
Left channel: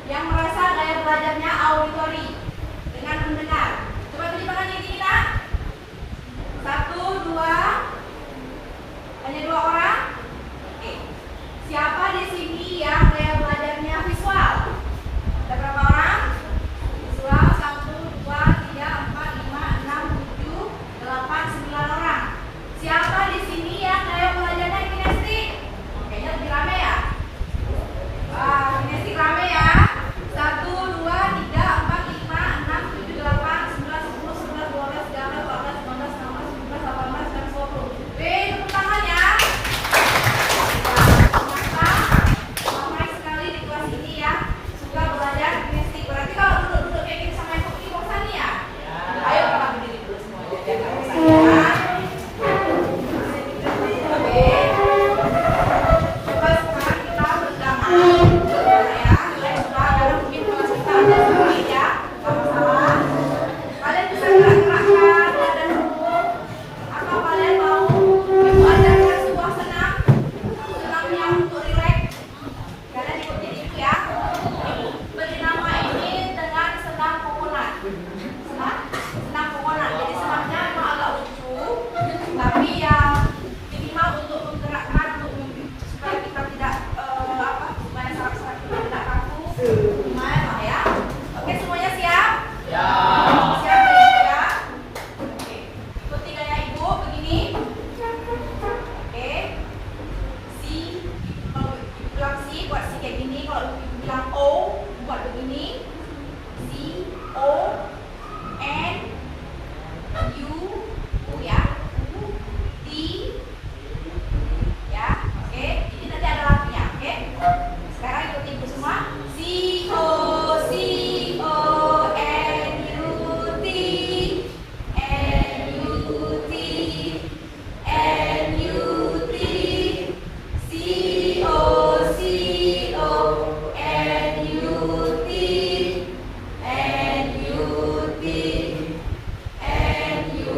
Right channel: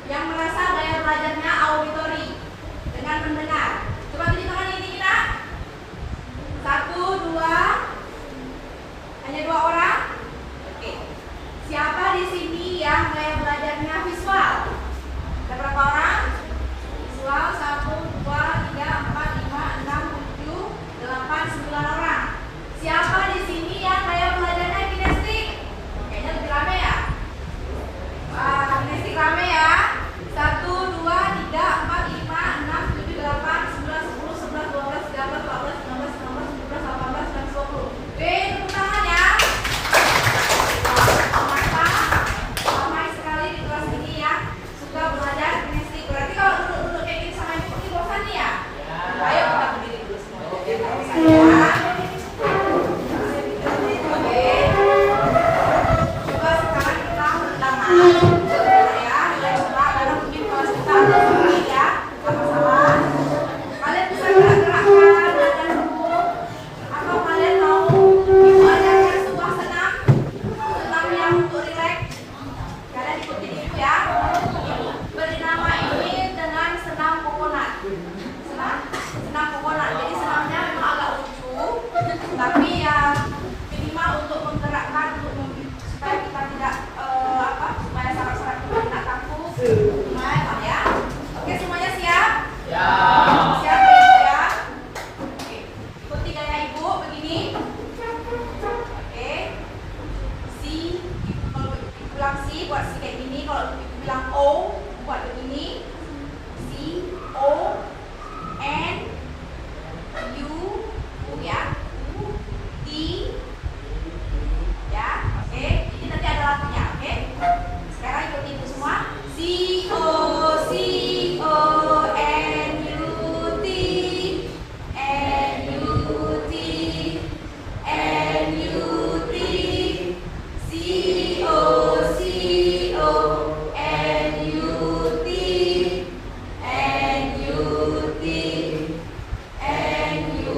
Yang merasa gaya belajarnya auditori dengan mendengar. Coba tunjuk tangan ini kita. 1, 2. Hanya 2 orang. Oke. Siapa di sini yang gaya belajarnya visual? Ada berapa orang? Visual 1, 2, 3, 4, 5, 6, 7, 8, 9 orang. Siapa di sini yang gaya belajarnya kinestik? Kayaknya lebih rame ya. Wah, kinestik rame ya. 1, 2, 3, 4, 5, 6, 7, 8, 9, 10, 11, 12, 13, 14, 15, 16, 17, 18, 19, 20. Tepuk tangan ya. Ternyata ramai sekali di kelas ini yang suka belajar kinestik. Berarti kalau duduk-duduk kayak gini sama yang putih bosan nih ya? Ayo kita berdiri dulu semuanya. Jangan bosan ya. Oke. Coba sekarang kita bersama. Kalian bisa gerak-gerakkan badan dulu, atau kalian mau mengajarkan sebuah senam yang untuk rileks. Kalian ikutin ibu ya. Beri nama ini dengan senam kokonat. Senam kokonat. Jadi senamnya memang agak lucu, tapi ya minimal untuk menggerakkan supaya kita tidak supaya saraf-saraf kita tidak kaku. Mulai Pak ya. Oke, semuanya siap? Ya. Siap ya ibu ya? Oke. Ikuti gaya ibu begini. Oke. Si, kalau ibu bilang si, buat si kayak gini. Kalau ibu bilang O, buat begini. Si, O, N, U, ya. U, T, ya. Oke. Ini nanti ada lagunya, oke? Sekarang ikuti ibu semua. C O C O N U T N U T N U T C O C O N U T N U T N U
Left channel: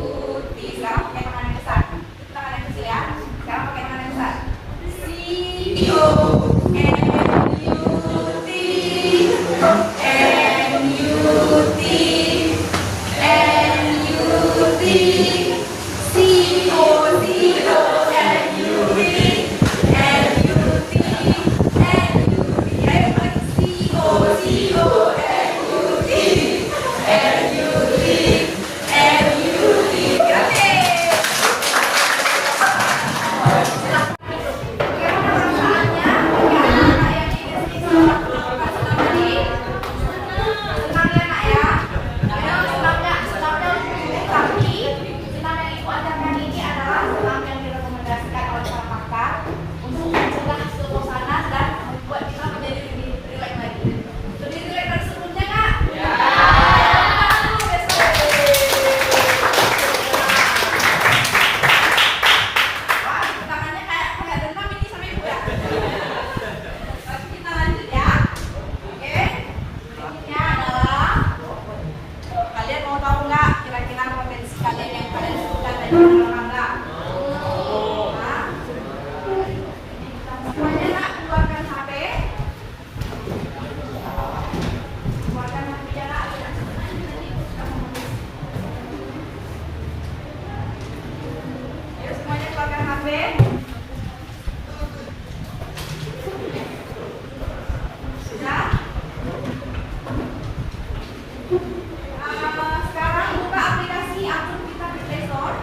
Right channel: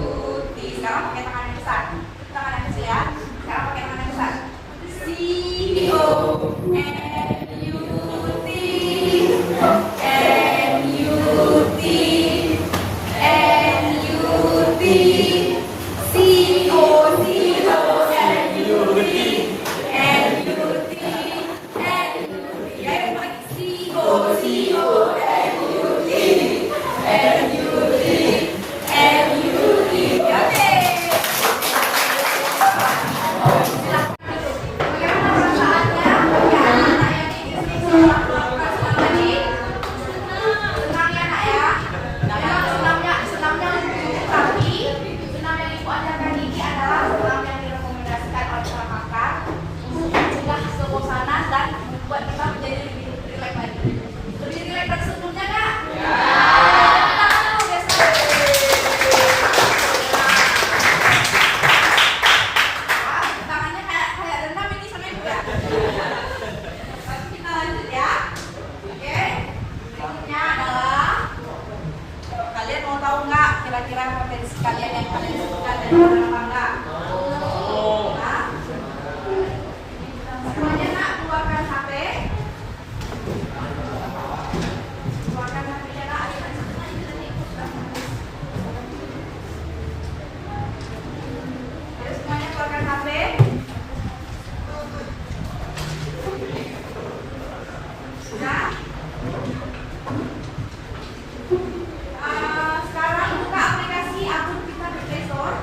pelajaran apa enggak? Nah, semuanya nak keluarkan HP. Keluarkan HP-nya nak. Ayo semuanya keluarkan HP. Sudah? Sekarang buka aplikasi akun kita di Play Store.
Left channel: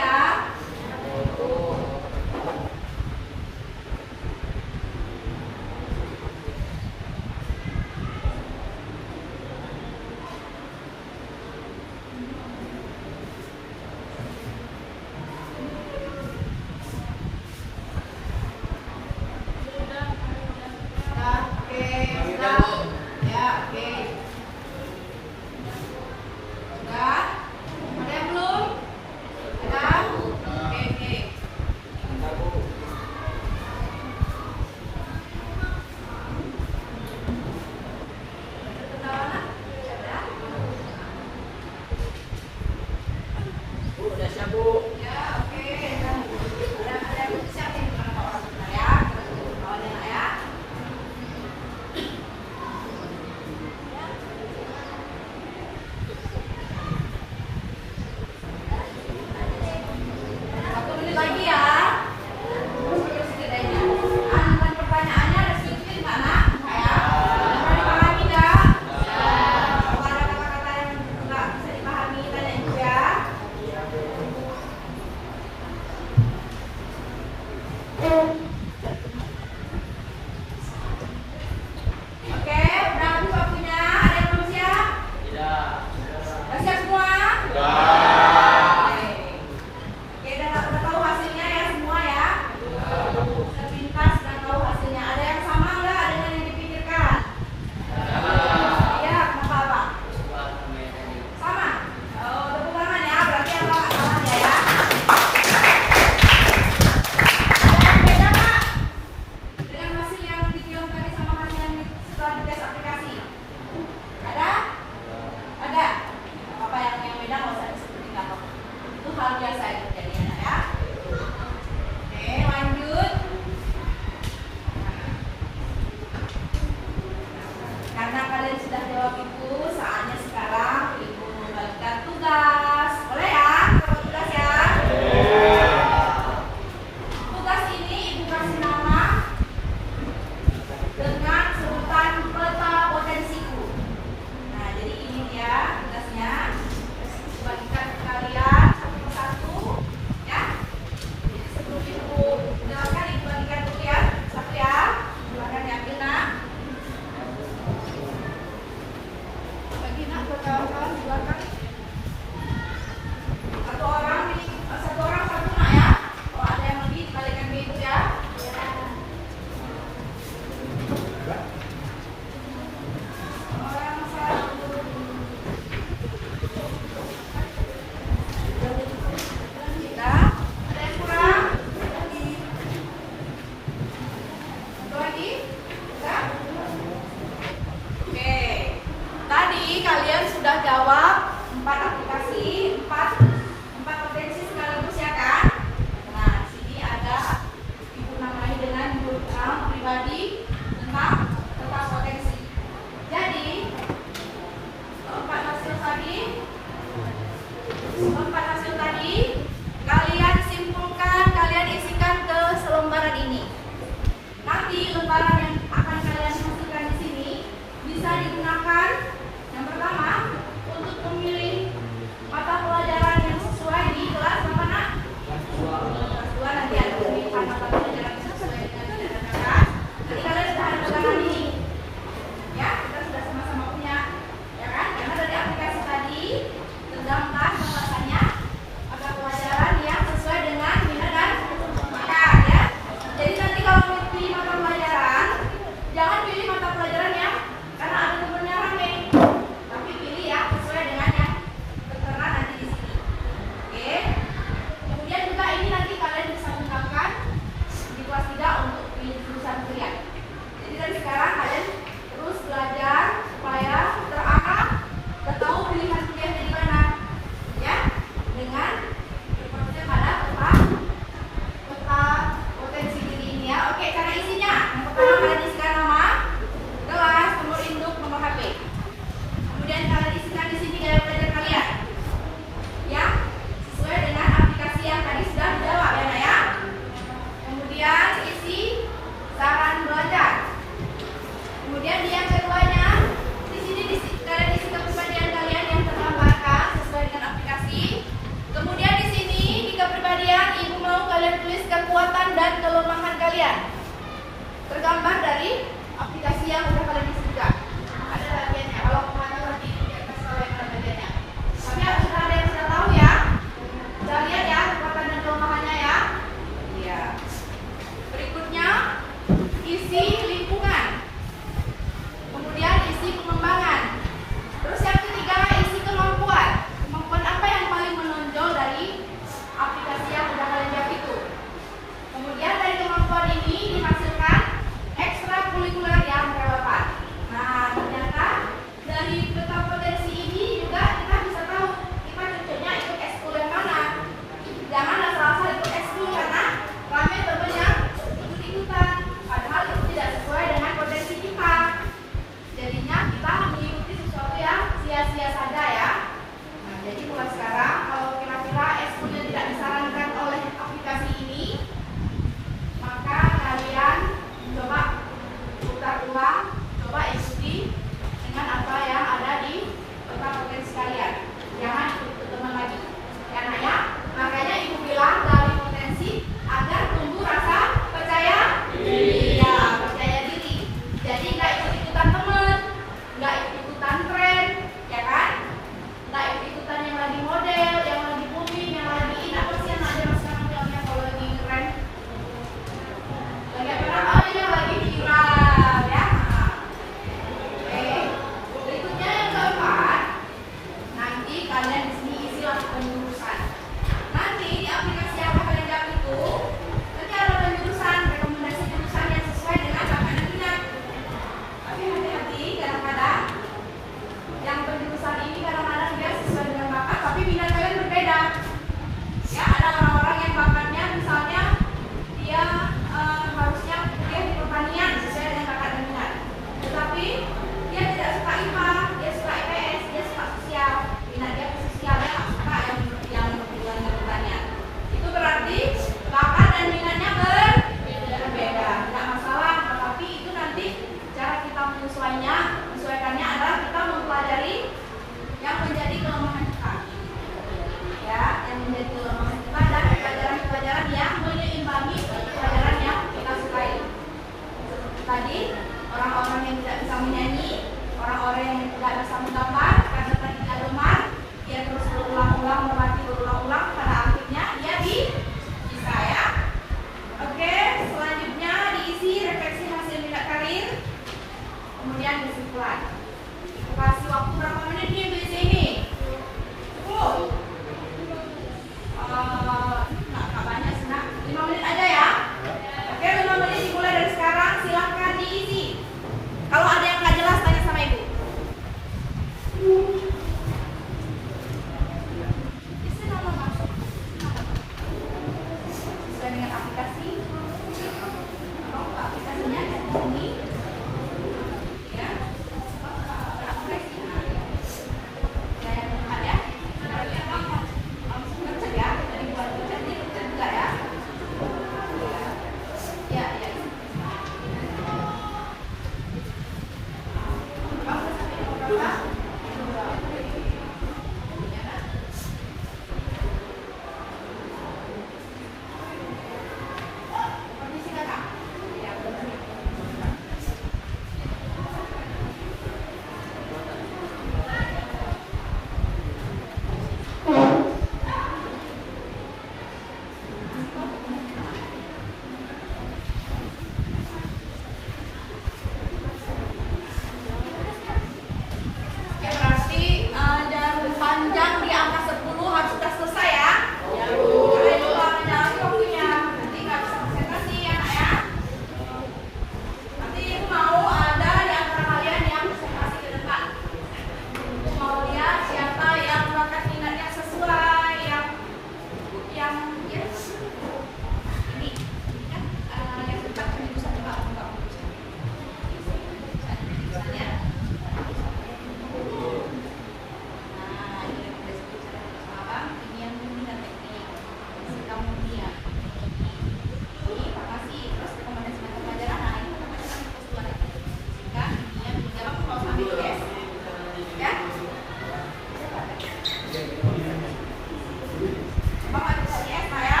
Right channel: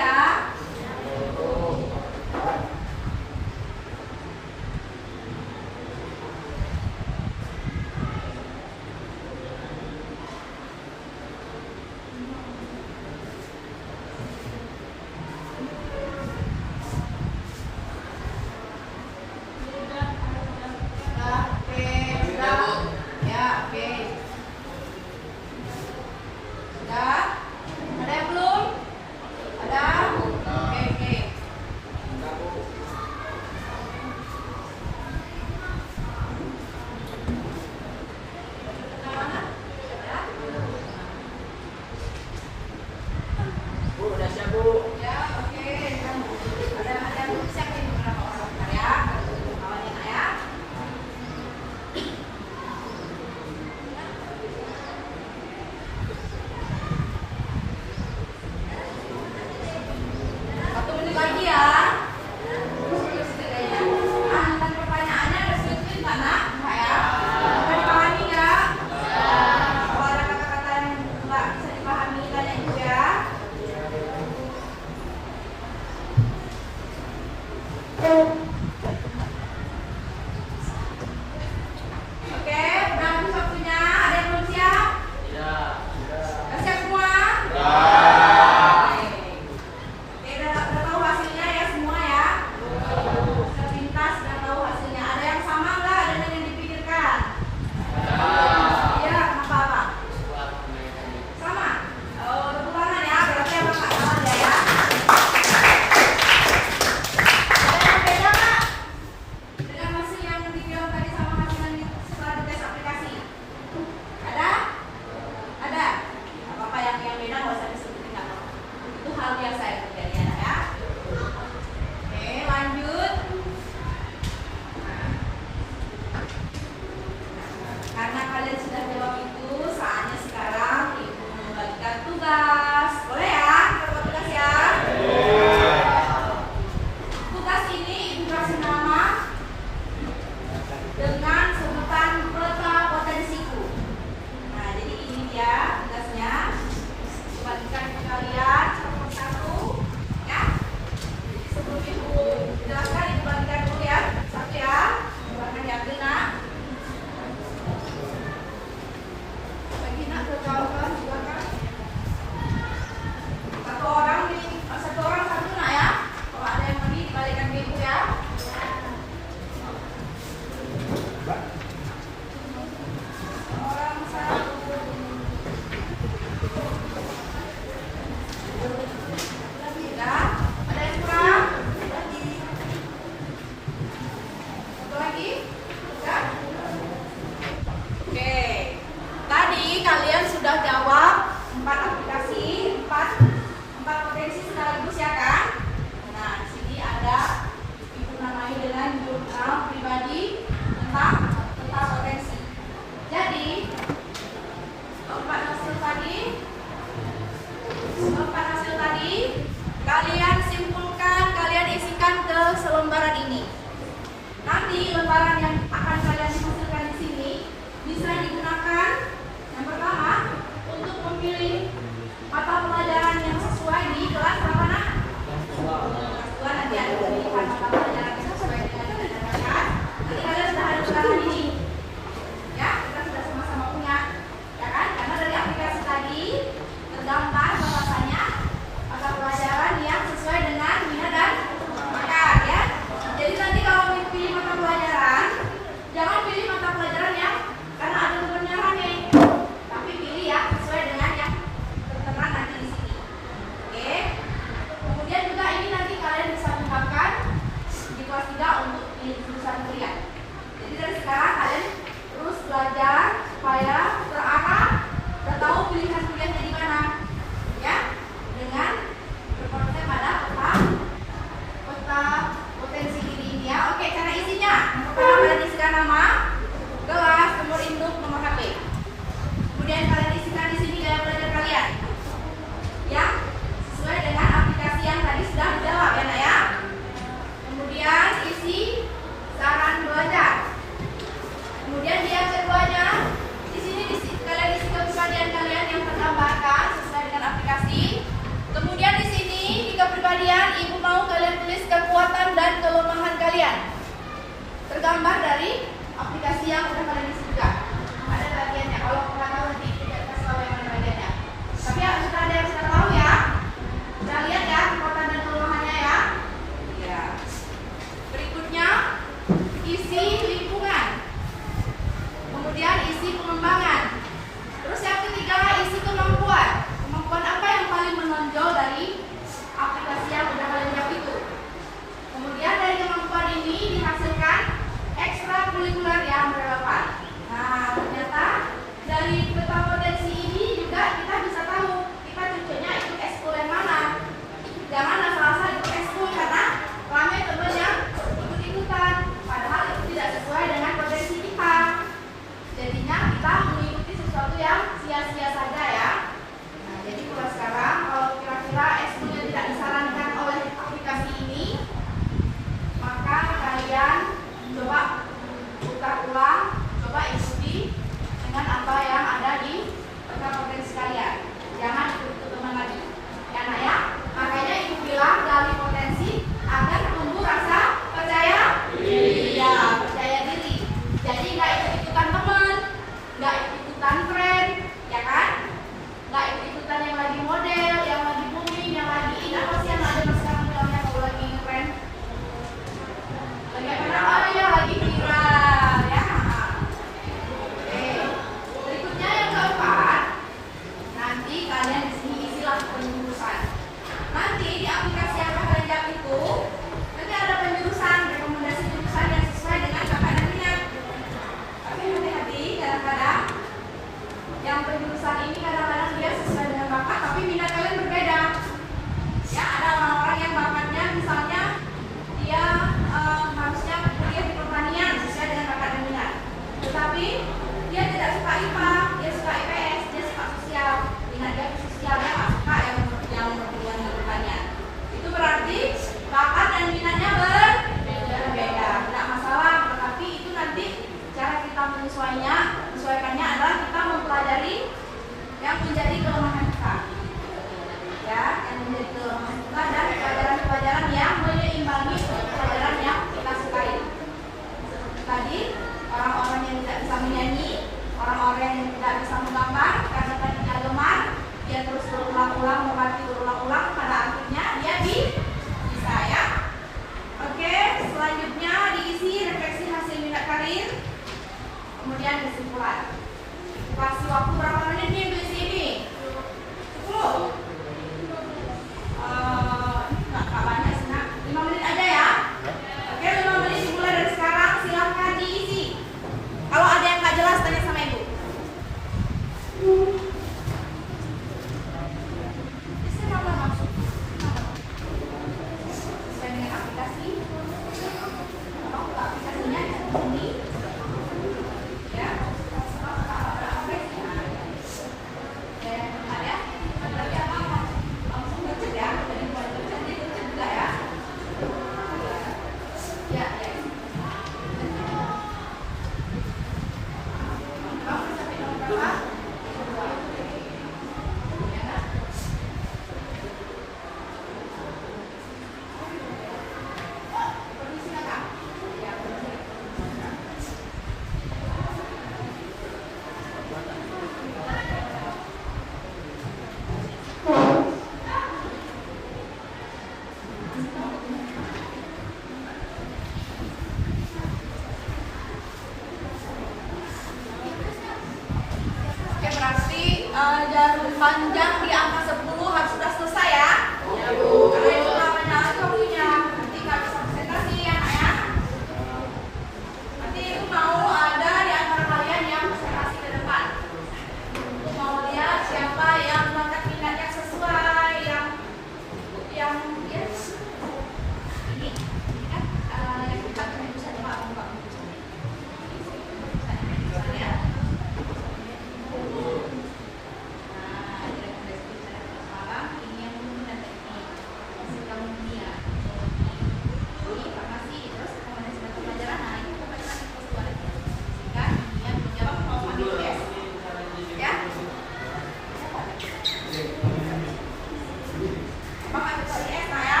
Abang ambil lagi ya, saya.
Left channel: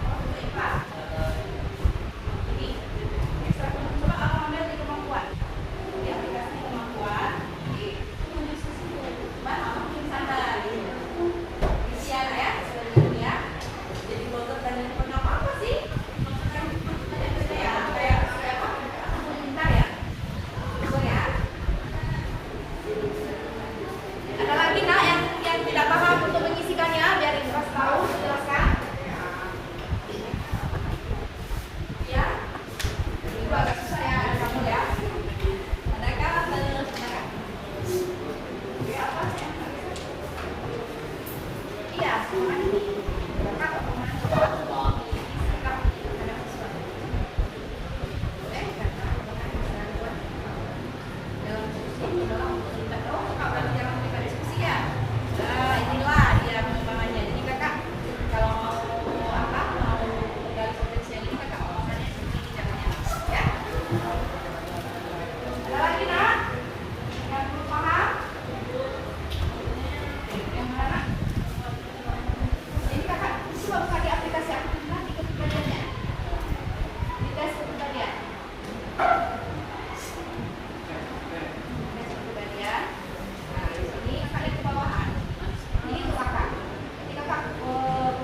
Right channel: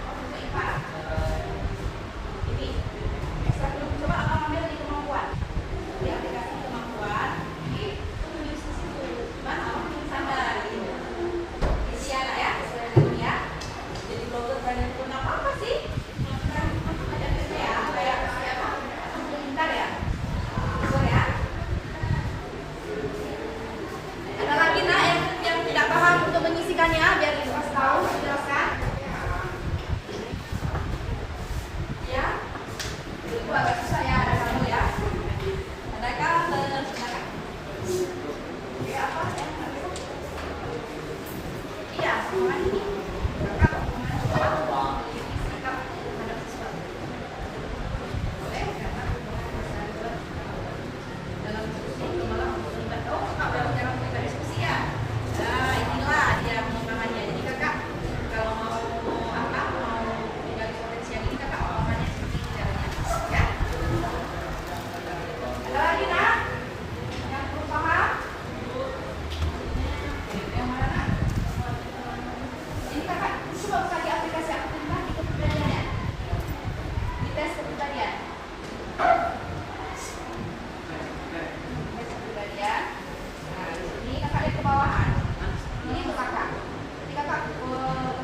Untuk IPA. Ini. Ekstra coba abang ambil di kemampuan. Di aplikasi kemampuan. Ini tulis di situ. Mana tulisan dari. Isi anak ya, sesuai dengan ya. Jadi blogger dan yang pernah apa sih? Ada kerja ya, kayak apa? Bentar ya. Bentar ya. Ada lagi nak yang tidak paham untuk mengisikannya, biar ibu kasih tahu, jelaskan. Ya, itu agak susah ya, ada kabel ya. Ada kabel, ada. Oke, apa yang iya, sama ini. Kakak pemain coba. Sikap terhadap sesuatu. Boleh, karena pemain bisa dalam diskusi malah terlibat. Oh, kakak jarang terlibat diskusi ya. Nah, inilah dia pengembangannya. Jadi kakak kalau mau apa, mau gali potensi yang ini kakak omongannya seperti ini caranya, ya. Ada lagi nak? Yang belum paham? Yang mana nak? Ini kakak coba buka di aplikasi aku pindah di kepribadiannya. Di tes kepribadian. Tes kepribadian. Nah, di sini kakak lihat ke bawahan. Ini untuk kakak. Jadi kakak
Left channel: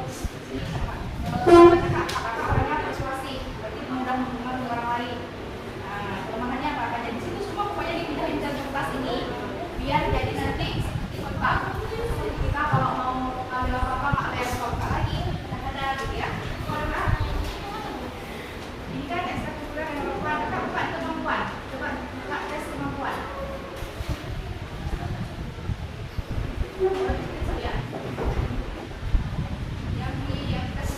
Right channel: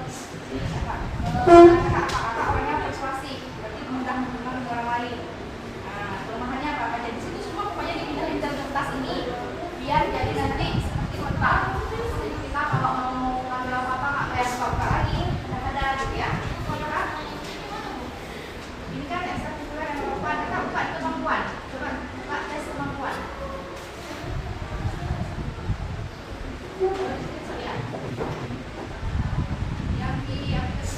sini kakak. Kakak orangnya persuasif, berarti mengundang hubungan dengan orang lain. Nah, kelemahannya apa aja di situ semua pokoknya dipindah kertas ini biar jadi nanti seperti kotak. Jadi kita kalau mau ambil apa-apa nggak kayak buka lagi, udah ada gitu ya. Ini kan ekstrakurikuler yang kemampuan, kakak buka kemampuan. Coba kakak tes kemampuan. Yang tes.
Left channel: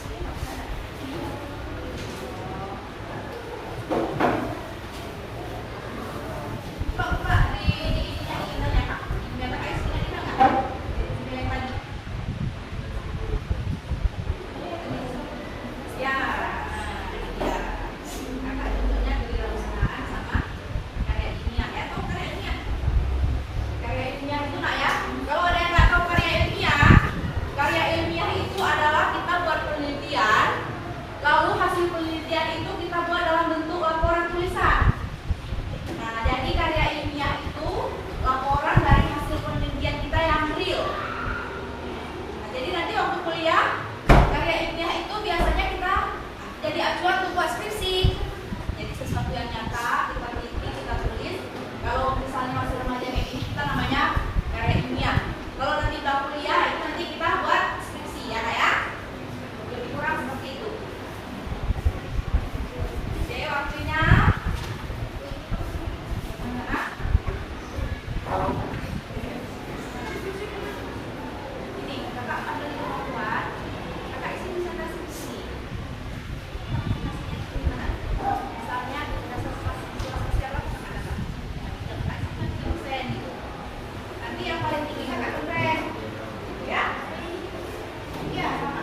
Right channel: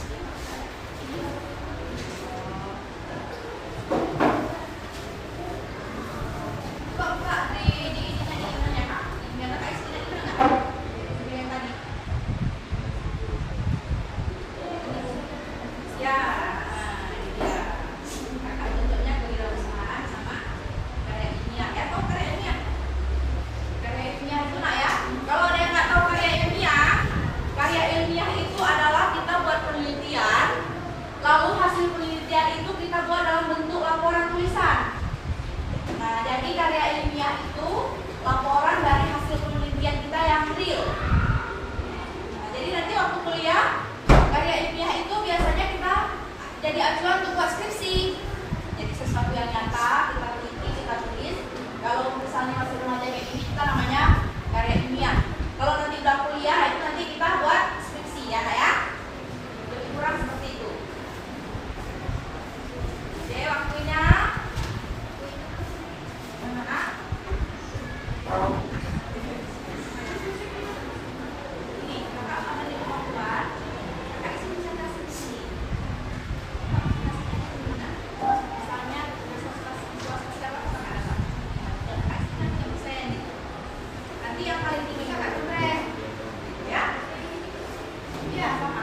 Buka di ininya emailnya kak. Email kakak isi email nggak? Email yang tadi. Ya, ini dia. Kakak tunjuknya kewirausahaan sama karya ilmiah. Tahu karya ilmiah? Karya ilmiah itu nak ya. Kalau ada yang nggak tahu karya ilmiah itu adalah kita buat penelitian, lalu hasil penelitian itu kita buat dalam bentuk laporan tulisan. Nah, jadi karya ilmiah itu laporan dari hasil penelitian kita yang real. Nah, jadi nanti waktu kuliah karya ilmiah itu biasanya kita jadi acuan untuk buat skripsi. Jadi sesuatu yang nyata kita teliti, kita tulis. Kalau misalnya masih remaja kayak gini kita namanya karya ilmiah. Kalau nanti udah kuliah itu nanti kita buat skripsi ya kak ya. Lebih kurang seperti itu. Oke, waktunya mana? Ini kakak ambil di kemampuan. Kakak isi presentasi ini. Misalnya sosial apa kakak dapat? Kakak isi nanti dosen gitu. Nanti yang paling tinggi kakak contoh, ya? Iya, sama.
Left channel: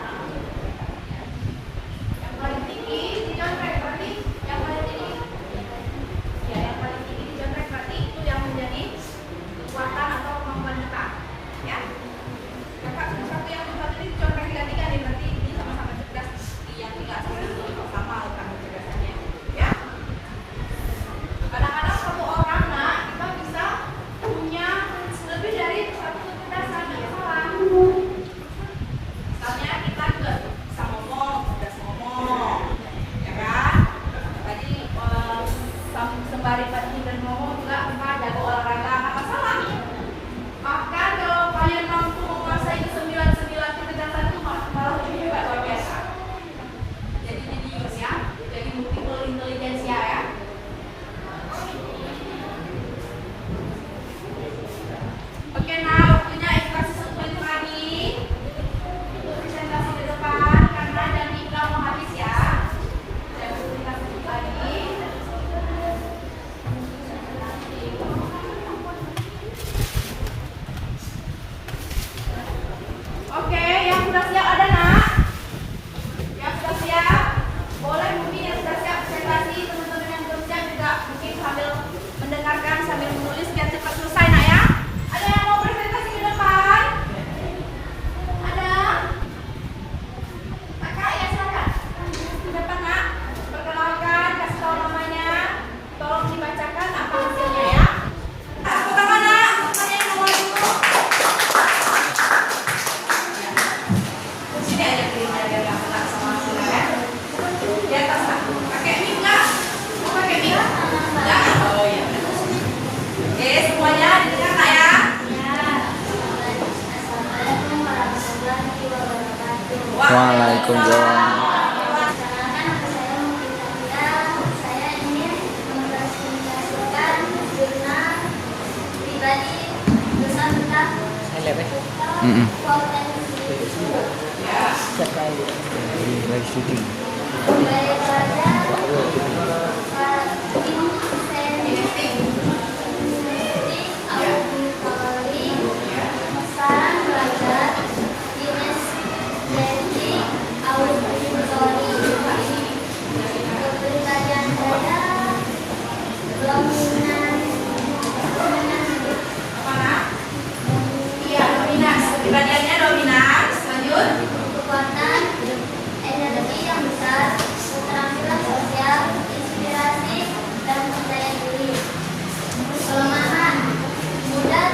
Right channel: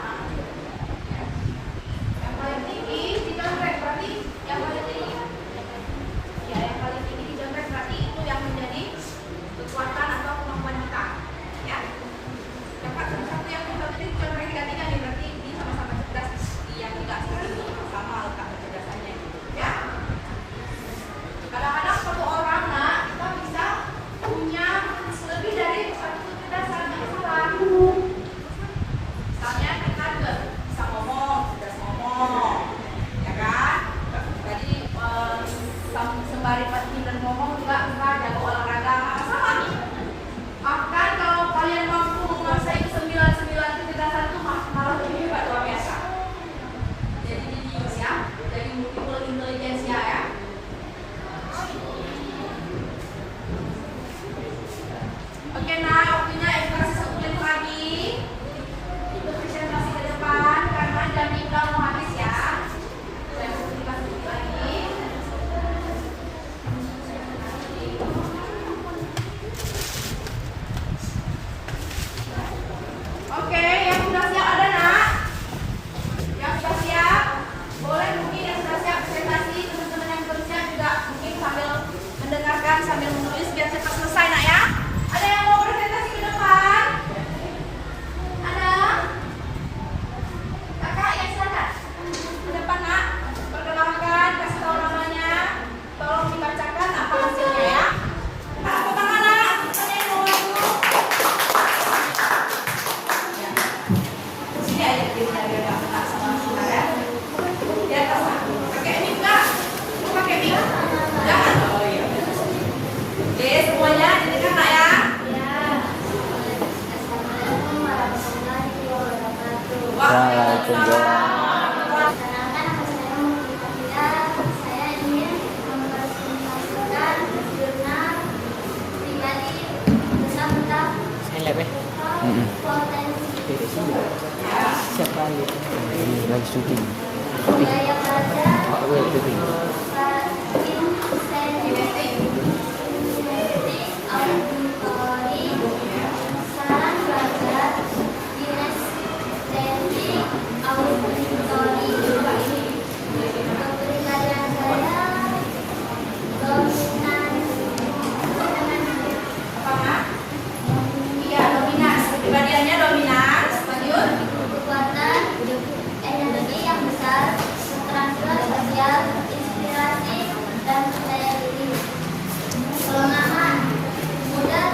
Yang paling tinggi dicontoh berarti yang paling tinggi. Ya, yang paling tinggi dicontoh berarti itu yang menjadi kekuatan atau kemampuan kita, ya. Kakak satu yang contoh ini dicontoh tiga-tiga nih berarti ini sama-sama cerdas. Yang tiga sama letak kecerdasannya, ya. Kadang-kadang satu orang nak kita bisa punya lebih dari satu kecerdasan yang salah. Misalnya kita juga bisa ngomong, cerdas ngomong, ya kan? Jadi sembari pintar ngomong juga kita jago olahraga, nggak masalah. Bahkan kalau kalian mampu menguasai ke-9 kecerdasan itu malah lebih hebat luar biasa. Jadi jenius ya, jadi multiple intelligence ya. Oke, nah waktunya ekspresi 1 menit lagi untuk presentasi ke depan karena jam kita mau habis ya. Jam 3 menit lagi. Oke, yang sudah siap ada nak? Yang sudah siap? Boleh mungkin yang sudah siap presentasi, teman-teman yang belum siap juga mungkin sambil mendengarkan, sambil menulis biar cepat selesai nak ya. Ada yang mau presentasi ke depan? Ada? Waalaikumsalam. Perkenalkan, nama saya Mutia. Saya ingin mempresentasikan jurnal pribadi bersama potensi budaya pelajar auditori saran belajar kinestetik auditori kepribadian saya dominan Iya, dominan. Kepribadiannya dominan. Lanjut. kekuatan energi yang besar keterampilan sosial inspirasi dan percaya diri kelemahan mudah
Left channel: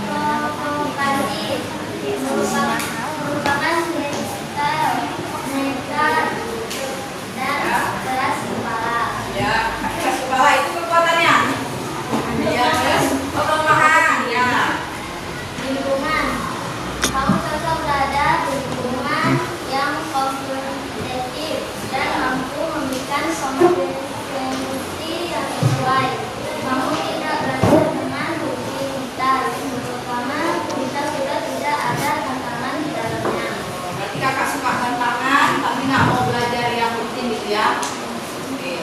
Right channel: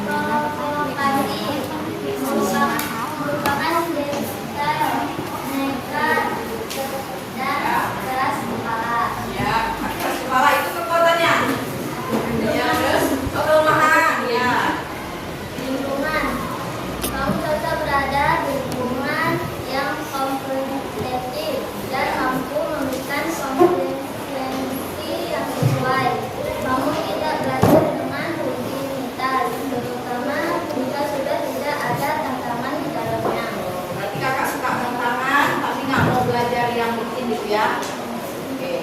terprovokasi merupakan style nekat dan keras kepala. Ya, keras kepala itu kekuatannya. Ya, terus kelemahan. Ya. Lingkungan kamu cocok berada di lingkungan yang kompetitif dan mampu memberikan kompetensi yang sesuai. Kamu tidak belajar dengan rutinitas, terutama jika sudah tidak ada tantangan di dalamnya. Berarti kakak suka tantangan, tapi nggak mau belajar yang rutin gitu ya. Oke.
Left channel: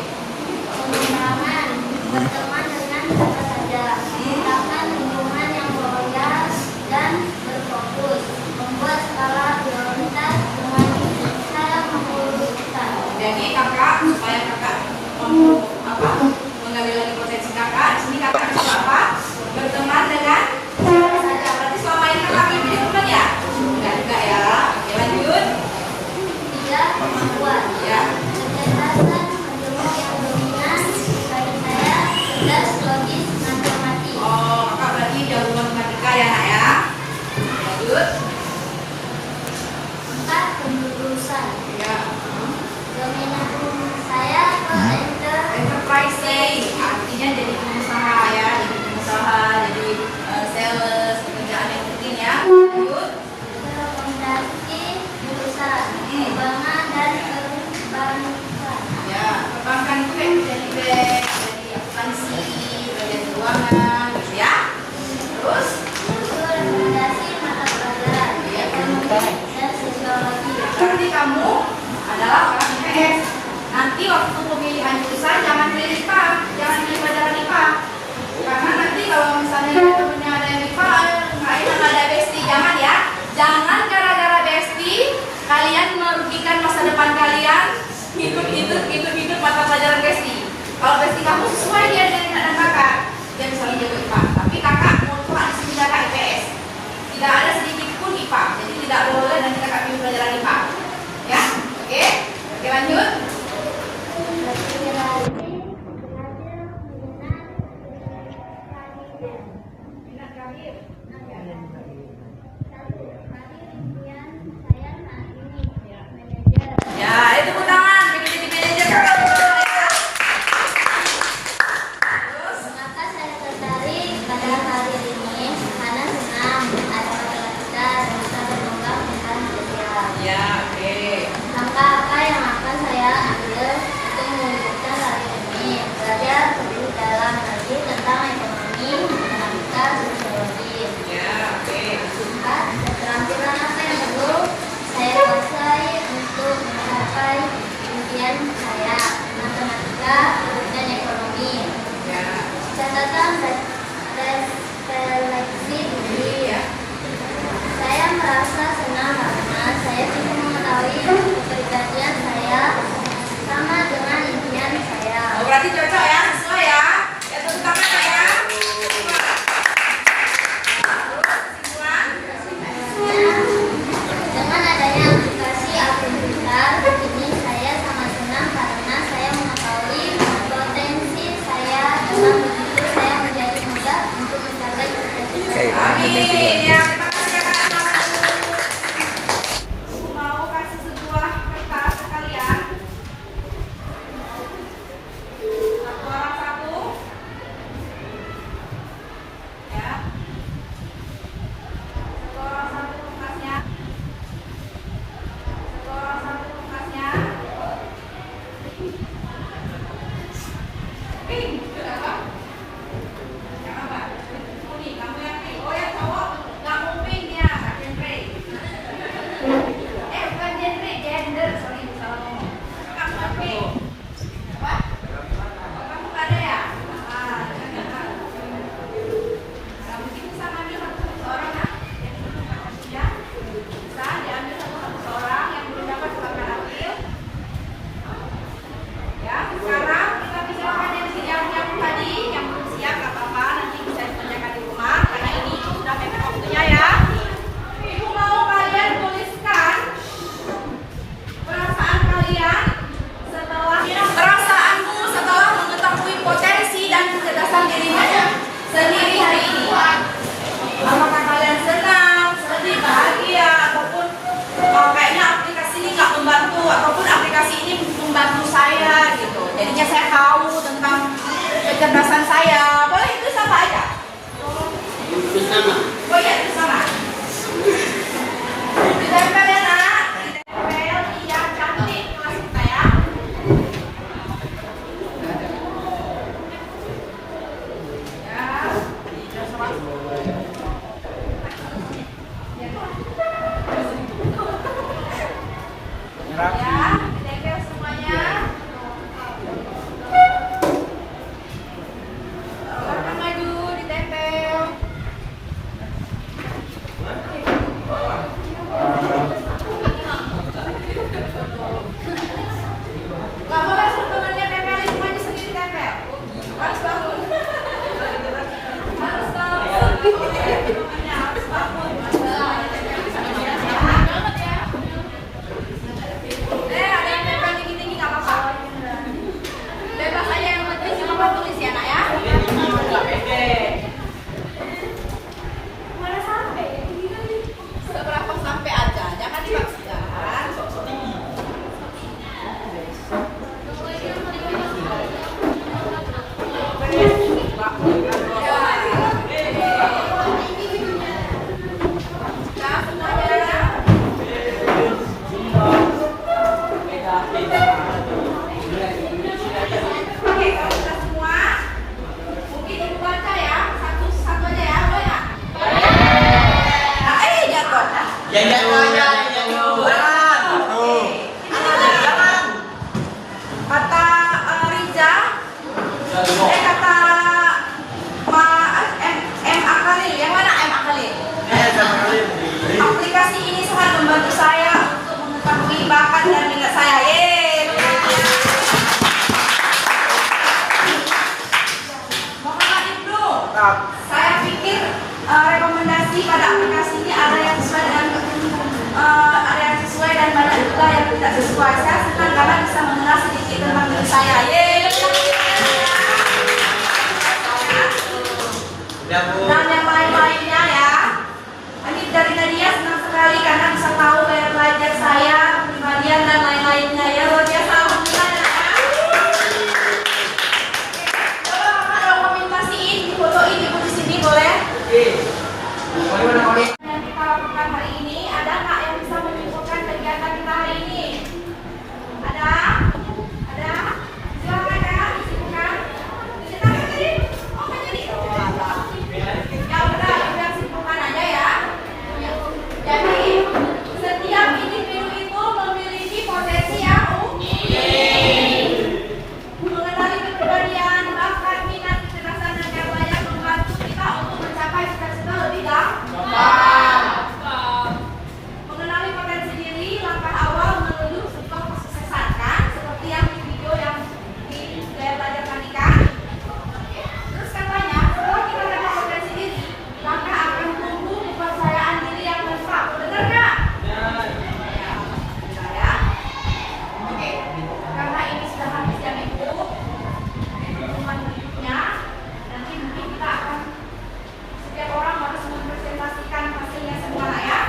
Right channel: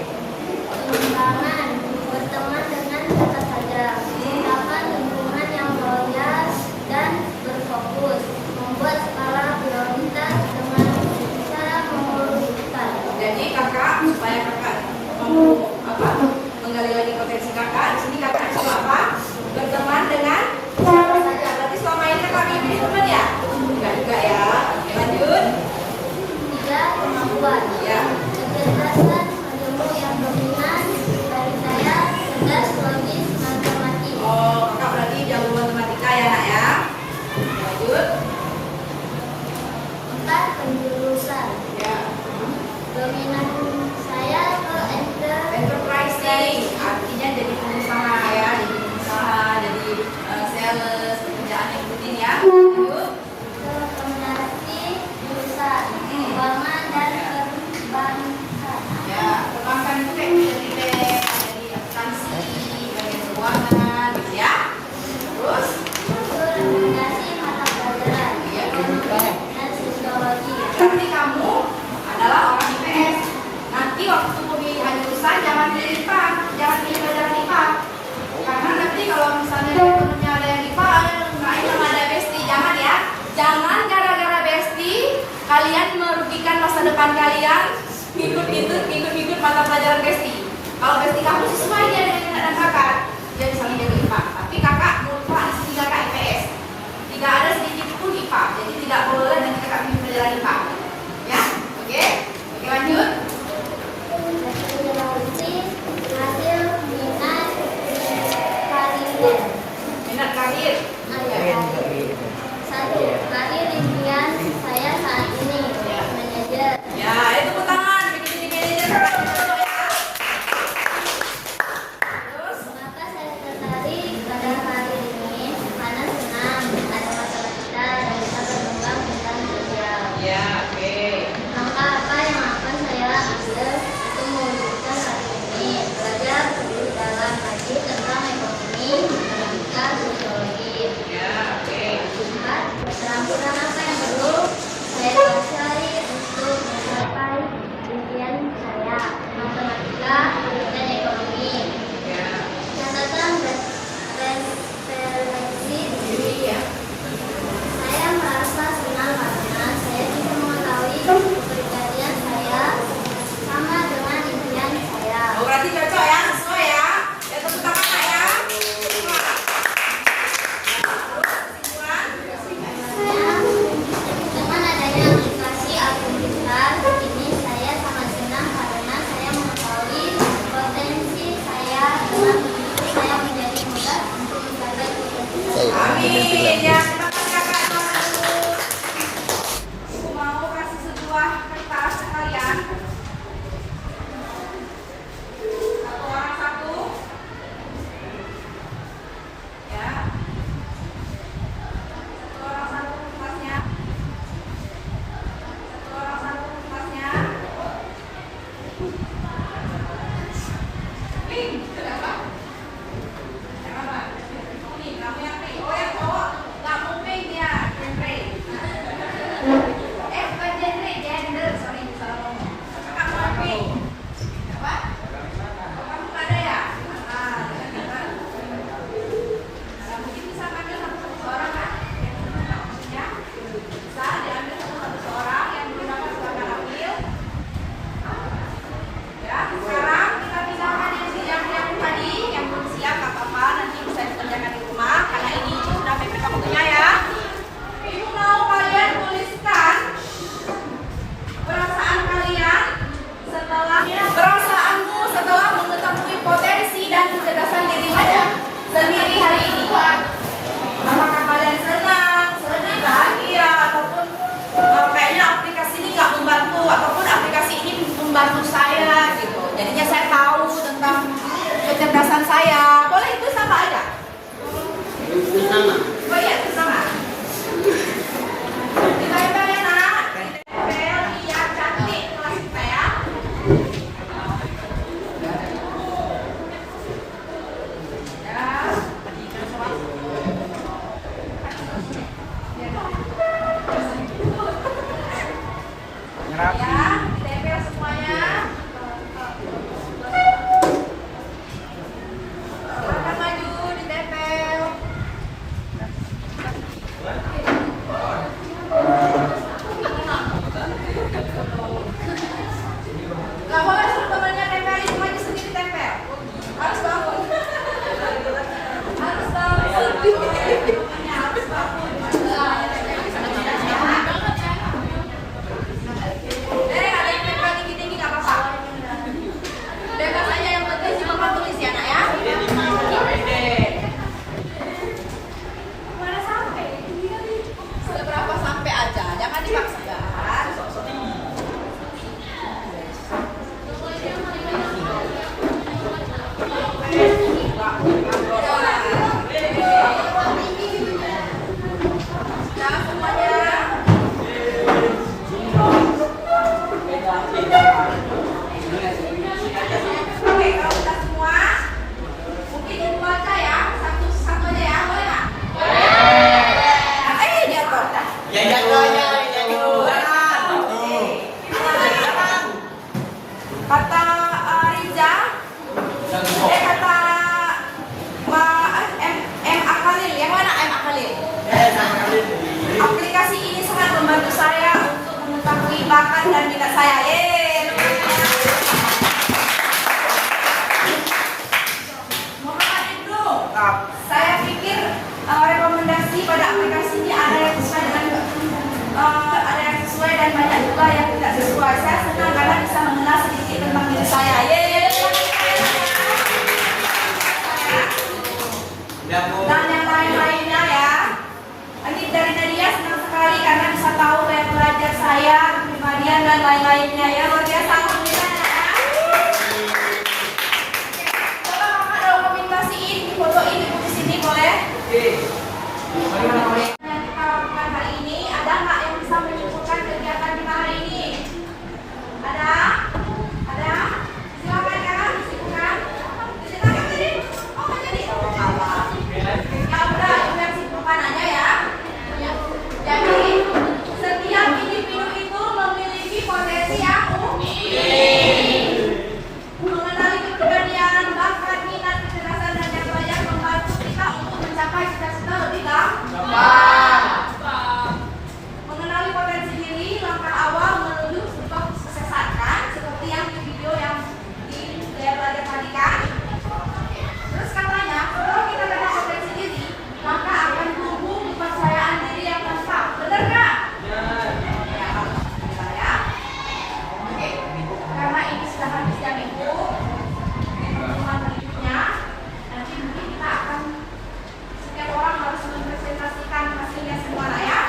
Pengembangan berteman dengan siapa saja, menciptakan lingkungan yang loyal dan berfokus, membuat skala prioritas dengan cara menguruskan. Jadi kakak supaya kakak mampu menggali lagi potensi kakak. Di sini kakak suka apa? Berteman dengan siapa saja. Berarti selama ini kakak pilih teman ya? Enggak juga ya. Oke, lanjut. Tiga, kemampuan. Ya. Kecerdasan menjemur yang dominan bagi saya cerdas logis matematik. Oh, kakak berarti jago matematika ya nak ya. Lanjut. Empat, penjurusan. Ya. Dominan saya ke Enterprising artinya jadi pengusaha ya, jadi pengusaha, jadi sales, pekerjaan yang rutin ya. Lanjut. rekomendasi jurusan keuangan dan perbankan. Ya, perbankan itu kayak jadi bank, jadi akuntansi, jadi keuangan, gitu ya. Terus, Itu rekomendasi mata pelajaran ekonomi dan sosiologi. berarti kamu adalah orang IPS. Nanti waktu pemilihan jurusan jangan pilih IPA, jangan pilih pelajaran IPA. Karena nanti kalau misalnya temennya ada yang IPA, nggak enak ada bestie, jangan ya. Jangan gara-gara bestie kalian merugikan masa depan kalian ikut mata pelajaran bestie. Kalau bestie kamu sesuai dia dengan minat kakak, dia bisa menjadi IPA. Tapi kakak mutlak di sini kakak IPS. Tidak ada sedikit pun IPA, jadi tidak boleh dan kakak pilih pelajaran IPA. Ya, oke? Oke, lanjut. Rekomendasi hasil minat karir. Minat karir. Satu, karir impian saya saat ini manajer. Ya, itu tepuk tangan. Jadi manajer kakak. Terus, Maka saya tertarik pada karir ini karena senang ada matematika dan bisa berkembang Nggak boleh temennya tempelin semuanya sendiri tempel. Harus bangun. Harus bangun. Harus bangun. Ada yang tempel tinggi-tinggi nggak apa-apa. Bebas aja, yang penting cuma tulis ya nak ya. Mana sampai? Seberapa sampai aja, jangan dipaksakan. Aplikasi ini sangat membantu saya untuk mengetahui bakat dan minat saya. Mohon maaf dulu. Saya pikir rekomendasi pada aplikasi ini ada yang sesuai dan banyak juga yang tidak sesuai. Saya senang karena bisa mengenal sedikit tentang diri saya. Dan yang lain-lainnya ya. Dari Nadia senang sekali karena bisa tahu gaya belajar saya, kepribadian dan lain-lainnya ya. Luar biasa, alhamdulillah ya. Coba kakak dokumentasiin, fotoin ibu di sini boleh? Yang kita lakukan hari ini, ada nggak yang bisa menyimpulkan kegiatan kita hari ini? Ada? Ada? Silakan ya, disimpulkan. Disimpulkan tadi? Oh, nggak jadi? Ya udah, biar simpulkan aja ya. Jadi, setiap individu itu memiliki potensi yang unik. Mengenali kepribadian, bakat, minat, kecerdasan, dan yang layak membantu kita untuk mencapai cita-cita lebih gampang. Mengenali potensi diri, langkah awal menuju sebuah kesuksesan kan? Seperti yang di video yang di gaya belajar tadi kan? Terus katanya, kalau kita kenal potensi diri, maka akan tumbuh kepercayaan diri yang lengkap. Benar nggak? Ya, alhamdulillah ya. Oke, karena ini sudah habis jam itu, teman-teman berikutnya, nanti mungkin kita akan setiap orang harus mempresentasikan hasilnya semua lah ya.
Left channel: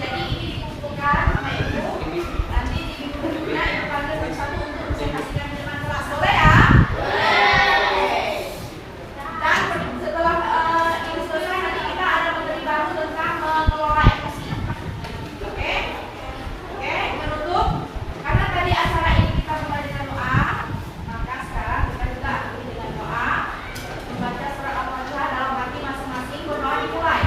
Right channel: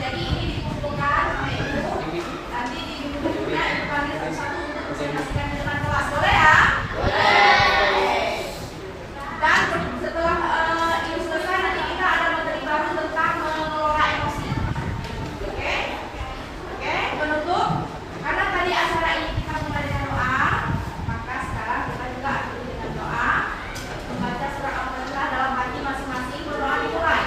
Jadi ini dikumpulkan sama ibu, nanti di minggu berikutnya ibu panggil satu-satu untuk presentasikan di depan kelas. Boleh ya? Dan setelah ini selesai nanti kita ada materi baru tentang mengelola emosi. Oke? Oke, menutup. Karena tadi acara ini kita mulai dengan doa, maka sekarang kita juga akhiri dengan doa. Membaca surat Al-Fatihah dalam hati masing-masing, berdoa dimulai.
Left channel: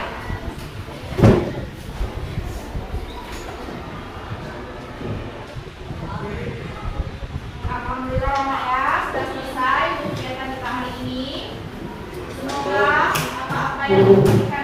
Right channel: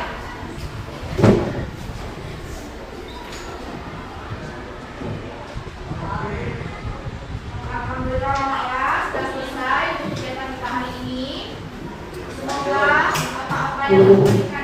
Alhamdulillah Mak ya, sudah selesai untuk kegiatan kita hari ini. Semoga apa-apa yang kita